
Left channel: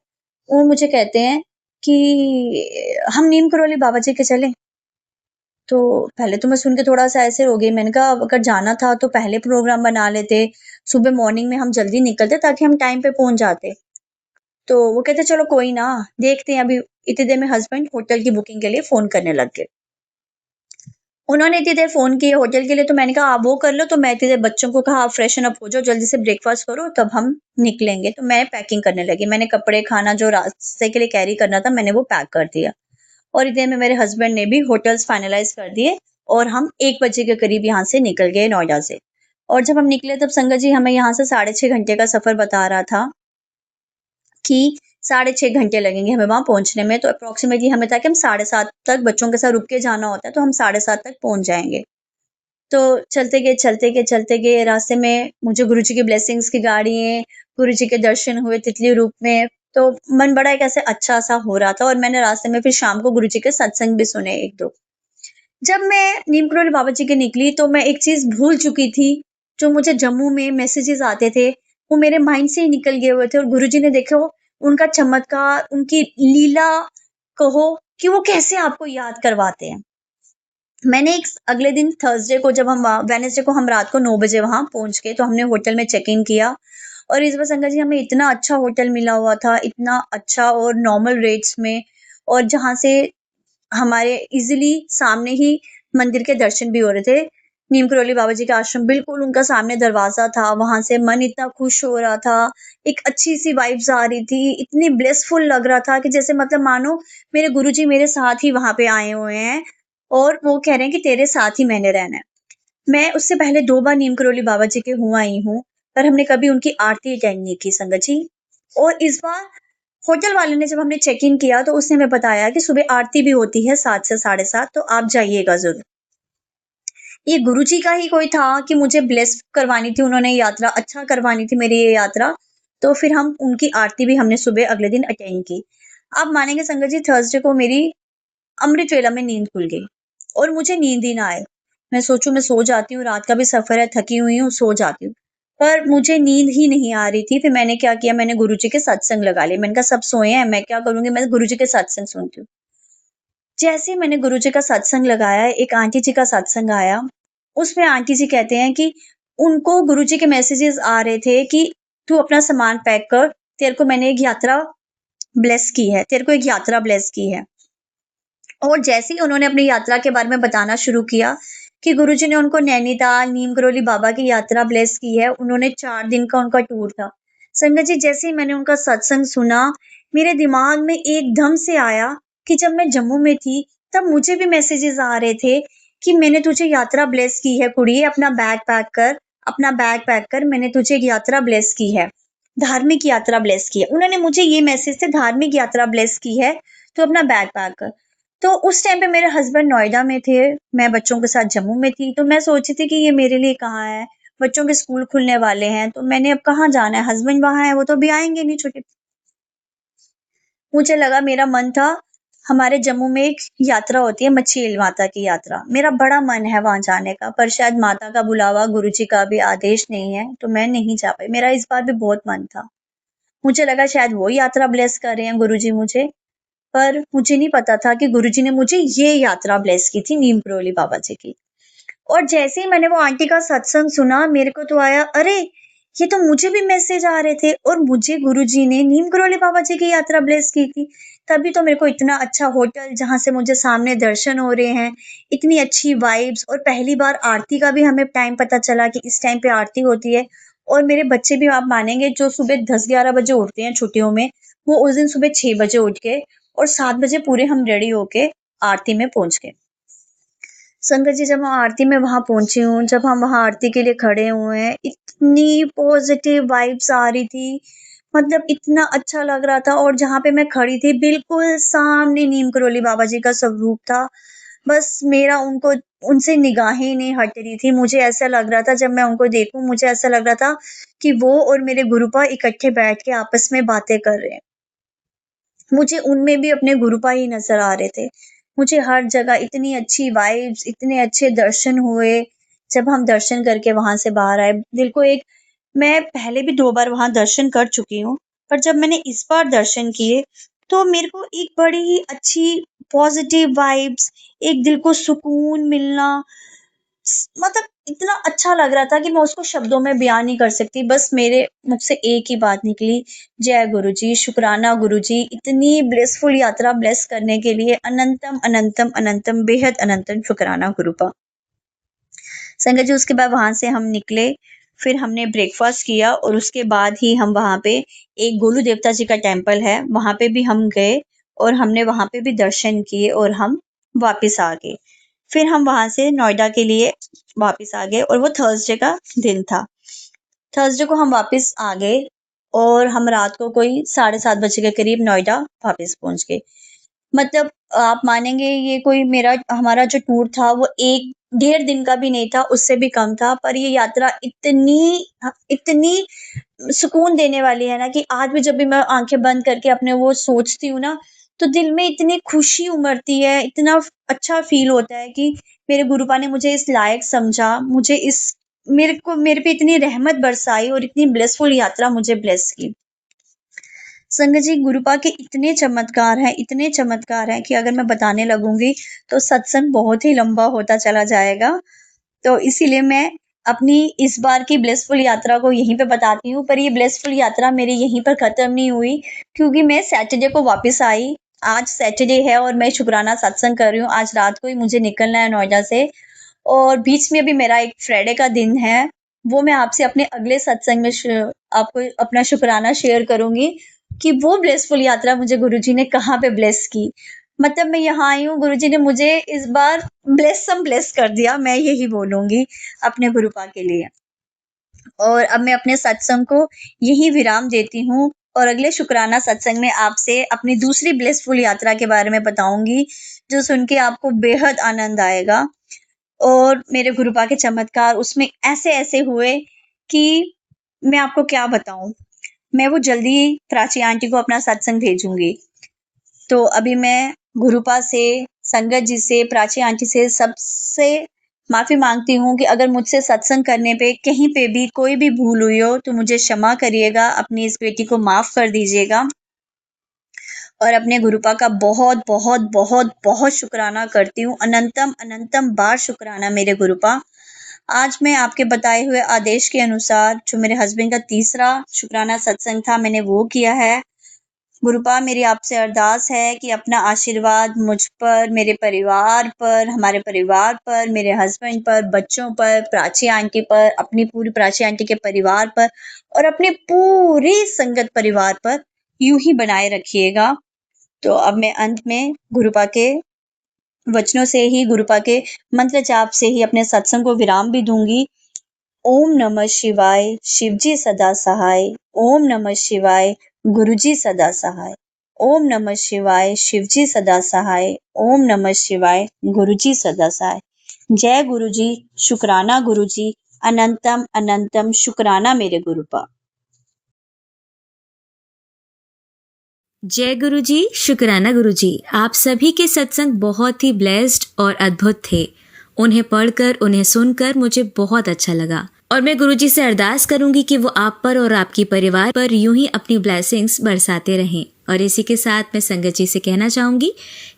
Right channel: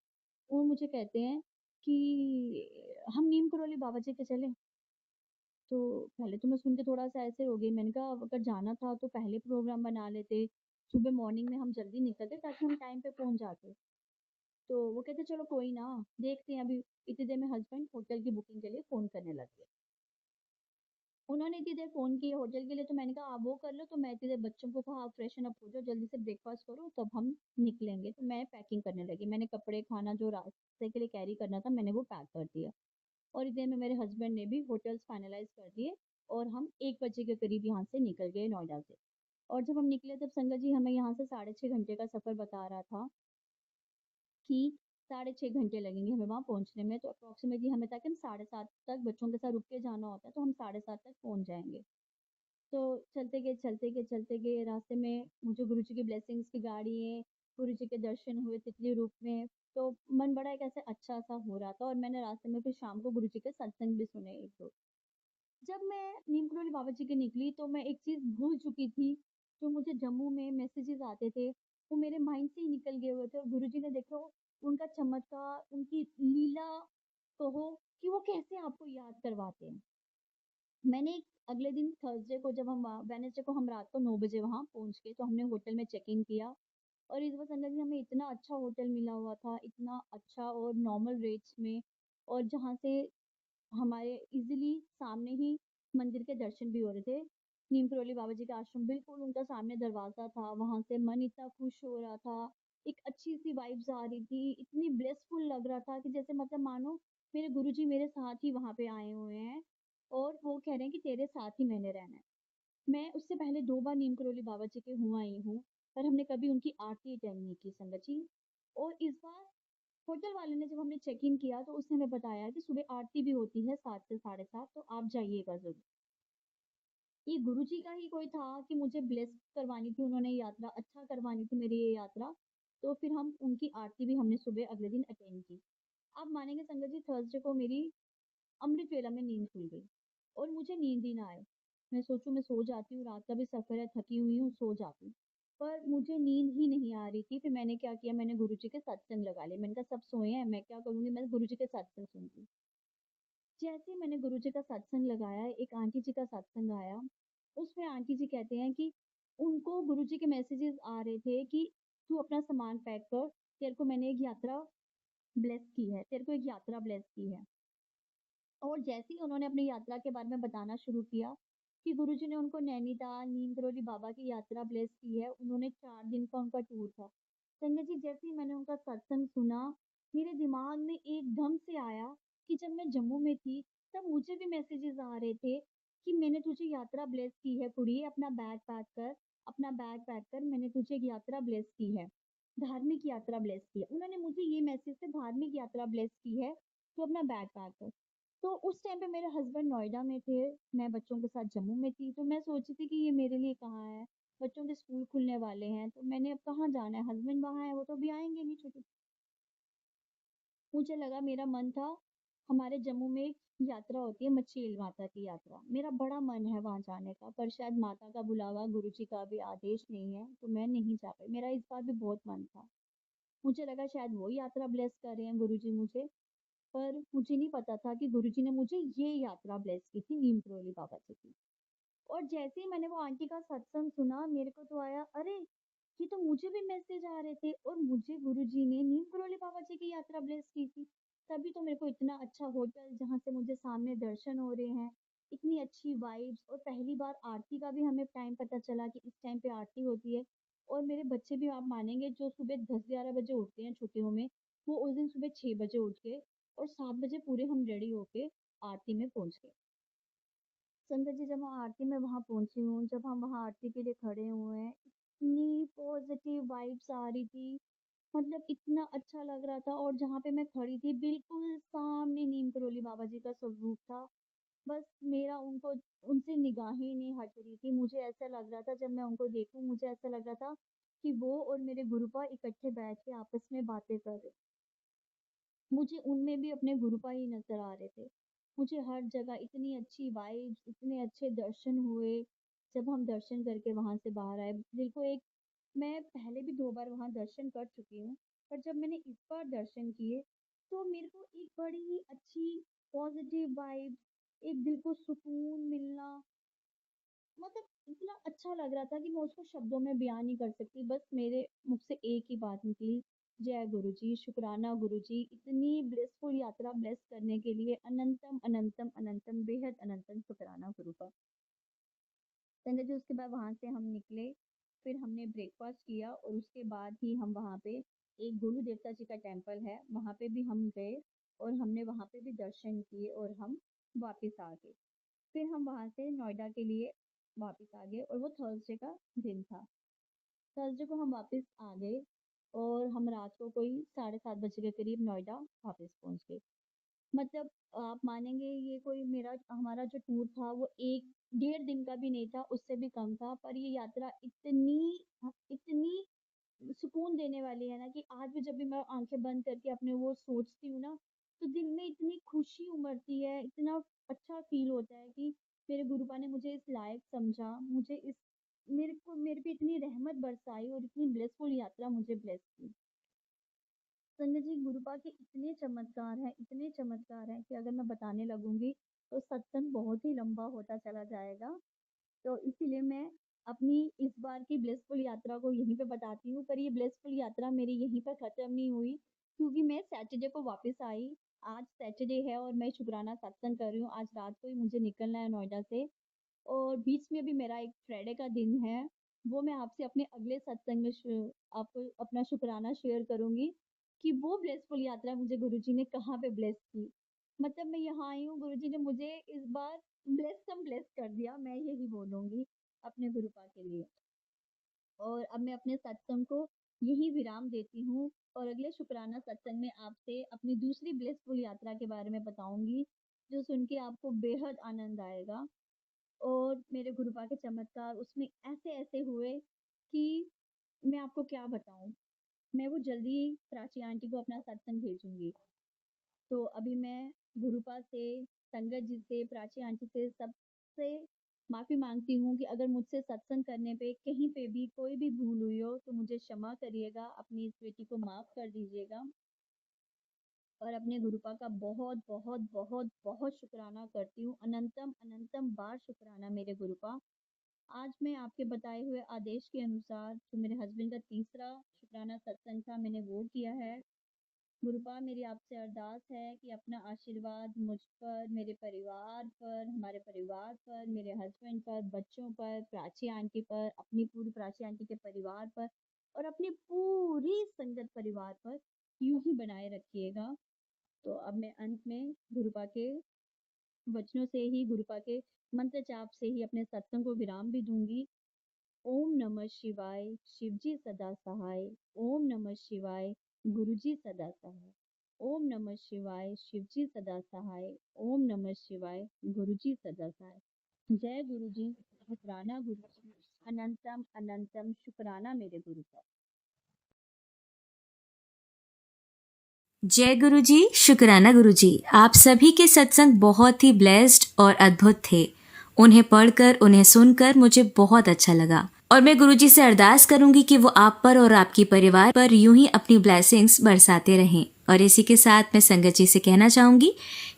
वो मुझे कहते हैं कि हम नीम करौली बाबा जी के चलें? तो पहले तो मैं सुन के थोड़ा-सा ऐसे हो गई, मैंने कहा अब अगर जाना था तो पहले प्रोग्राम बना लेते, सुबह मॉर्निंग में हम जल्दी निकलते ताकि हम टाइम पे पहुँच जाते। तो वो कहते चलो कोई ना, देखते हैं अभी। इतनी देर में हस्बैंड होटल की बुकिंग के लिए फ़ोन करने लग गए। उन्होंने इतनी देर फ़ोन किए होटल के लिए तो मैंने कहा आप वो कर लो, तो मैं इतनी देर बच्चों को कहा आप फ्रेशन अप हो जाओ, जल्दी से ब्रेकफ़ास्ट करो तब हम निकलेंगे। तो मैं पैकिंग करने लगी। मैंने कपड़े, खाना जो रास्ते के लिए कैरी करना था मैंने वो पैक कर दिया। और इतने में मेरे हस्बैंड ने भी होटल्स फाइनलाइज़ कर दिए और हम 1 बजे के करीब यहाँ से निकल गए नोएडा से। और जब हम निकले तब संगत जी हमें यहाँ से साढ़े 6 घंटे का सफ़र बता रहा था कि साढ़े 6 घंटे लगेंगे हमें वहाँ पहुँचने में, तो अप्रॉक्सिमेटली हमें था कि हम 7:30 तक बच्चों के साथ रुक के जाना होता है, तो हम 7:30 तक पहुँच जाएँगे। तो चलते गए रास्ते में मुझे गुरुजी की ब्लेसिंग्स की गाड़ियाँ, गुरुजी के दर्शन हुए तितली रूप में, तो मन बड़ा एक ऐसे अच्छा-सा हो रहा था और मैंने रास्ते में फिर शाम को गुरुजी के सत्संग भी सुने 1-2। जब मैं नीम करोली बाबा जी की निकली तो मैं एक चीज़ भूल चुकी थी, जो मुझे जम्मू में मैसेजेस आते थे, वो मेरे माइंड से ही निकल गए हुए थे और गुरुजी ने देखो उनका चमत्कार, उनकी लीला कहो कि वो कैसे आपको याद करवाते हैं। मैंने एक अगले दिन थर्सडे को जब हम वेडनेसडे को हम रात को 9 बजे वहाँ पहुँच गए, तो हमने होटल में चेक इन किया और इस बार संगत जी हमें इतना अच्छा होटल मिला हुआ था, इतना अच्छा और नॉर्मल रेट्स में और जहाँ से हमारे इज़िली सामने ही मंदिर के दर्शन भी हो रहे थे। नीम करोली बाबा जी का आश्रम बिल्कुल उनका सामने दरवाज़ा था, वहाँ से मन इतना खुश हो रहा था, एक अच्छी-सी वाइब्स आ रही थी, इतनी ब्लिसफुल लग रहा था कि जैसे मतलब मानो मेरे गुरुजी मेरे साथ ही वहाँ पे आए हुए हैं और वो कह रहे हैं कि तेरे साथ ही मैंने रहना है। मैं उससे पहले 2 बार नीम करोली बाबा जी के हो आई हूँ, पर हमने कभी उनकी आरती अटेंड नहीं की संगत जी। और इस बार होटल वाले ने जब हमने चेक इन किया तो उसने हमें बताया कि सुबह आरती भी होती है 7 से साढ़े 7 तो आप जाइएगा ज़रूर। ये गुरुजी का ही कोई था कि मुझे ब्लेस करवानी थी उन्होंने यात्रा, अच्छा करवानी थी मेरी ये यात्रा, तो फिर हम उनकी आरती भी हमने सुबह अगले दिन अटेंड की। आप मानेंगे संगत जी थर्सडे को मेरी अमृत वेला में नींद खुल गई और मुझे नींद ही ना आए। मैं सोचूं मैं सो जाती हूँ, रात का भी सफर है, थकी हुई हूँ, सो जाती हूँ। पर मुझे नींद ही नहीं आ रही थी। फिर मैंने क्या किया, मैंने गुरुजी के सत्संग लगा लिए। मैंने कहा सब सोए हैं, मैं क्या करूंगी, मैं गुरुजी के सत्संग सुनती हूँ। जैसे ही मैंने गुरुजी का सत्संग लगाया, एक आंटी जी का सत्संग आया। उसमें आंटी जी कहते हैं कि उनको गुरुजी के मैसेजेस आ रहे थे कि तू अपना सामान पैक कर, तेरे को मैंने एक यात्रा ब्लेस की है, तेरे को एक यात्रा ब्लेस की है। और जैसे ही उन्होंने अपनी यात्रा के बारे में बताना शुरू किया कि गुरुजी ने उनको नैनीताल, नीम करोली बाबा की यात्रा ब्लेस की है। उन्होंने 4 दिन का उनका टूर था। संगत जी जैसे ही मैंने उनका सत्संग सुना, मेरे दिमाग में एकदम से आया कि जब मैं जम्मू में थी, तब मुझे भी मैसेजेस आ रहे थे कि मैंने तुझे यात्रा ब्लेस की है कुड़िए, अपना बैग पैक कर, मैंने तुझे एक यात्रा ब्लेस की है। धार्मिक यात्रा ब्लेस की है। उन्होंने मुझे ये मैसेज से धार्मिक यात्रा ब्लेस की है, तो अपना बैग पैक कर। तो उस टाइम पे मेरे हस्बैंड नोएडा में थे, मैं बच्चों के साथ जम्मू में थी, तो मैं सोची थी कि ये मेरे लिए कहाँ है, बच्चों के स्कूल खुलने वाले हैं, तो मैंने अब कहाँ जाना है, हस्बैंड वहाँ है, वो तो अभी आएँगे नहीं छुट्टी। मुझे लगा मेरा मन था, हमारे जम्मू में एक यात्रा होती है मछील माता की यात्रा, मेरा बड़ा मन है वहाँ जाने का, पर शायद माता का बुलावा, गुरुजी का भी आदेश नहीं है, तो मैं नहीं जा पाई। मेरा इस बार भी बहुत मन था। मुझे लगा शायद वो यात्रा ब्लेस कर रहे हैं गुरुजी मुझे, पर मुझे नहीं पता था कि गुरुजी ने मुझे ये यात्रा ब्लेस की थी नीम करोली बाबा जी की। और जैसे ही मैंने वो आंटी का सत्संग सुना, मेरे को तो आया, अरे! ये तो मुझे भी मैसेज आ रहे थे और मुझे गुरुजी ने नीम करोली बाबा जी की यात्रा ब्लेस की थी। तभी तो मेरे को इतना अच्छा होटल जहाँ से मुझे सामने दर्शन हो रहे हैं, इतनी अच्छी वाइब्स और पहली बार आरती का भी हमें टाइम पता चला कि इस टाइम पे आरती होती है। और मेरे बच्चे भी आप मानेंगे जो सुबह 10-11 बजे उठते हैं छुट्टियों में, वो उस दिन सुबह 6 बजे उठ के और 7 बजे पूरे हम रेडी होके आरती में पहुँच गए। संगत जी जब हम आरती में वहाँ पहुँची हूँ, जब हम वहाँ आरती के लिए खड़े हुए हैं, इतनी पॉज़िटिव वाइब्स आ रही थी, मतलब इतना अच्छा लग रहा था और जहाँ पे मैं खड़ी थी बिल्कुल सामने नीम करोली बाबा जी का स्वरूप था। बस मेरा उनको उनसे निगाहें नहीं हट रही थी। मुझे ऐसा लग रहा था जब मैं उनको देखूँ मुझे ऐसा लग रहा था कि वो और मेरे गुरुपा इकट्ठे बैठ के आपस में बातें कर रहे हैं। मुझे उनमें भी अपने गुरुपा ही नज़र आ रहे थे। मुझे हर जगह इतनी अच्छी वाइब्स, इतने अच्छे दर्शन हुए। जब हम दर्शन करके वहाँ से बाहर आए, दिल को एक मैं पहले भी 2 बार वहाँ दर्शन कर चुकी हूँ, पर जब मैंने इस बार दर्शन किए, तो मेरे को एक बड़ी ही अच्छी पॉज़िटिव वाइब्स, एक दिल को सुकून मिलना, मतलब इतना अच्छा लग रहा था कि मैं उसको शब्दों में बयान नहीं कर सकती। बस मेरे मुख से एक ही बात निकली, जय गुरुजी, शुक्राना गुरुजी, इतनी ब्लिसफुल यात्रा ब्लेस करने के लिए अनंतम, अनंतम, अनंतम, बेहद अनंतम शुक्राना गुरुपा। संगत जी उसके बाद वहाँ से हम निकले, फिर हमने ब्रेकफ़ास्ट किया और उसके बाद ही हम वहाँ पे एक गोलू देवता जी का टेम्पल है, वहाँ पे भी हम गए और हमने वहाँ पे भी दर्शन किए और हम वापस आ गए। फिर हम वहाँ से नोएडा के लिए वापस आ गए और वो थर्सडे का दिन था। थर्सडे को हम वापस आ गए और हम रात को कोई 7:30 बजे के करीब नोएडा वापस पहुँच गए। मतलब आप मानेंगे ये कोई हमारा जो टूर था वो 1 डेढ़ दिन का भी नहीं था, उससे भी कम था, पर ये यात्रा इतनी सुकून देने वाली है ना कि आज भी जब भी मैं आँखें बंद करके अपने वो सोचती हूँ ना, तो दिल में इतनी खुशी उमड़ती है, इतना अच्छा फ़ील होता है कि मेरे गुरुपा ने मुझे इस लायक समझा, मेरे पे इतनी रहमत बरसाई और इतनी ब्लेसफुल यात्रा मुझे ब्लेस की। संगत जी, गुरुपा के इतने चमत्कार हैं कि अगर मैं बताने लगूँगी, तो सत्संग बहुत ही लंबा होता चला जाएगा। तो इसीलिए मैं अपनी इस बार की ब्लेसफुल यात्रा को यहीं पे बताती हूँ, पर ये ब्लेसफुल यात्रा मेरी यहीं पर ख़त्म नहीं हुई, क्योंकि मैं सैटरडे को वापस आई। आज सैटरडे है और मैं शुक्राना सत्संग कर रही हूँ। आज रात को ही मुझे निकलना है नोएडा से, और बीच में भी मेरा एक फ्राइडे का दिन है, वो मैं आपसे अपने अगले सत्संग में आपको अपना शुक्राना शेयर करूँगी कि वो ब्लेसफुल यात्रा मुझे गुरुजी ने कहाँ पे ब्लेस की। मतलब मैं यहाँ आई हूँ, गुरुजी ने मुझे इस बार ब्लेस कर दिया, मैं यही बोलूँगी अपने गुरुपा के लिए। और अब मैं अपने सत्संग को यहीं विराम देती हूँ, और अगले शुक्राना सत्संग में आपसे अपनी दूसरी ब्लेसफुल यात्रा के बारे में बताऊँगी, जो सुन के आपको बेहद आनंद आएगा। और मेरे गुरुपा के चमत्कार उसमें ऐसे-ऐसे हुए कि मैं आपको क्या बताऊँ? मैं वो जल्दी ही प्राची आंटी को अपना सत्संग भेजूँगी। तो अभी मैं गुरुपा से, संगत जी से, प्राची आंटी से, सबसे माफ़ी माँगती हूँ कि अगर मुझसे सत्संग करने पे कहीं पे भी कोई भी भूल हुई हो, तो मुझे क्षमा करिएगा, अपनी इस बेटी को माफ़ कर दीजिएगा। और अपने गुरुपा का बहुत बहुत बहुत बहुत शुक्राना करती हूँ, अनंतम अनंतम बार शुक्राना मेरे गुरुपा। आज मैं आपके बताए हुए आदेश के अनुसार जो मेरे हस्बैंड का तीसरा शुक्राना सत्संग था, मैंने वो किया है। गुरुपा, मेरी आपसे अरदास है कि अपना आशीर्वाद मुझ पर, मेरे परिवार पर, हमारे परिवार पर, मेरे हस्बैंड पर, बच्चों पर, प्राची आंटी पर, अपनी पूरी प्राची आंटी के परिवार पर और अपने पूरी संगत परिवार पर यूं ही बनाए रखिएगा। तो अब मैं अंत में गुरुपा के वचनों से ही, गुरुपा के मंत्र जाप से ही अपने सत्संग को विराम भी दूंगी। ओम नमः शिवाय, शिवजी सदा सहाय। ओम नमः शिवाय, गुरुजी सदा सहाय। ओम नमः शिवाय, शिवजी सदा सहाय। ओम नमः शिवाय, गुरुजी सदा सहाय। जय गुरुजी, शुक्राना गुरुजी, अनंतम अनंतम शुक्राना मेरे गुरुपा। जय गुरुजी, शुक्राना गुरुजी। आप सभी के सत्संग बहुत ही ब्लेस्ड और अद्भुत थे। उन्हें पढ़कर, उन्हें सुनकर मुझे बहुत अच्छा लगा, और मैं गुरुजी से अरदास करूंगी कि वो आप पर और आपकी परिवार पर यूं ही अपनी ब्लेसिंग्स बरसाते रहें। और इसी के साथ मैं संगत जी से कहना चाहूंगी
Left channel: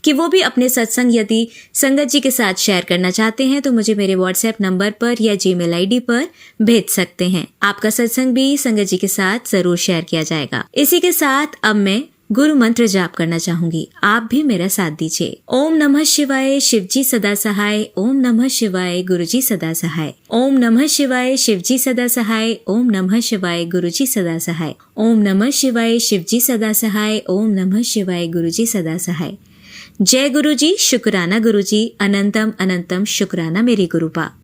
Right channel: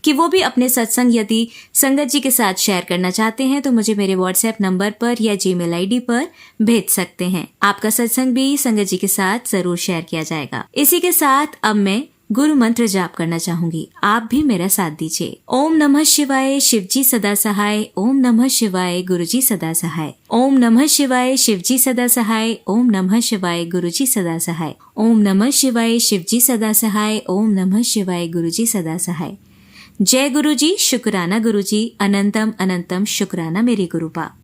कि वो भी अपने सत्संग यदि संगत जी के साथ शेयर करना चाहते हैं तो मुझे मेरे व्हाट्सएप नंबर पर या जीमेल आईडी पर भेज सकते हैं। आपका सत्संग भी संगत जी के साथ जरूर शेयर किया जाएगा। इसी के साथ अब मैं गुरु मंत्र जाप करना चाहूंगी, आप भी मेरा साथ दीजिए। ओम नमः शिवाय, शिवजी सदा सहाय। ओम नमः शिवाय, गुरुजी सदा सहाय। ओम नमः शिवाय, शिवजी सदा सहाय। ओम नमः शिवाय, गुरुजी सदा सहाय। ओम नमः शिवाय, शिवजी सदा सहाय। ओम नमः शिवाय, गुरुजी सदा सहाय। जय गुरुजी, शुक्राना गुरुजी, अनंतम अनंतम शुक्राना मेरे गुरुपा।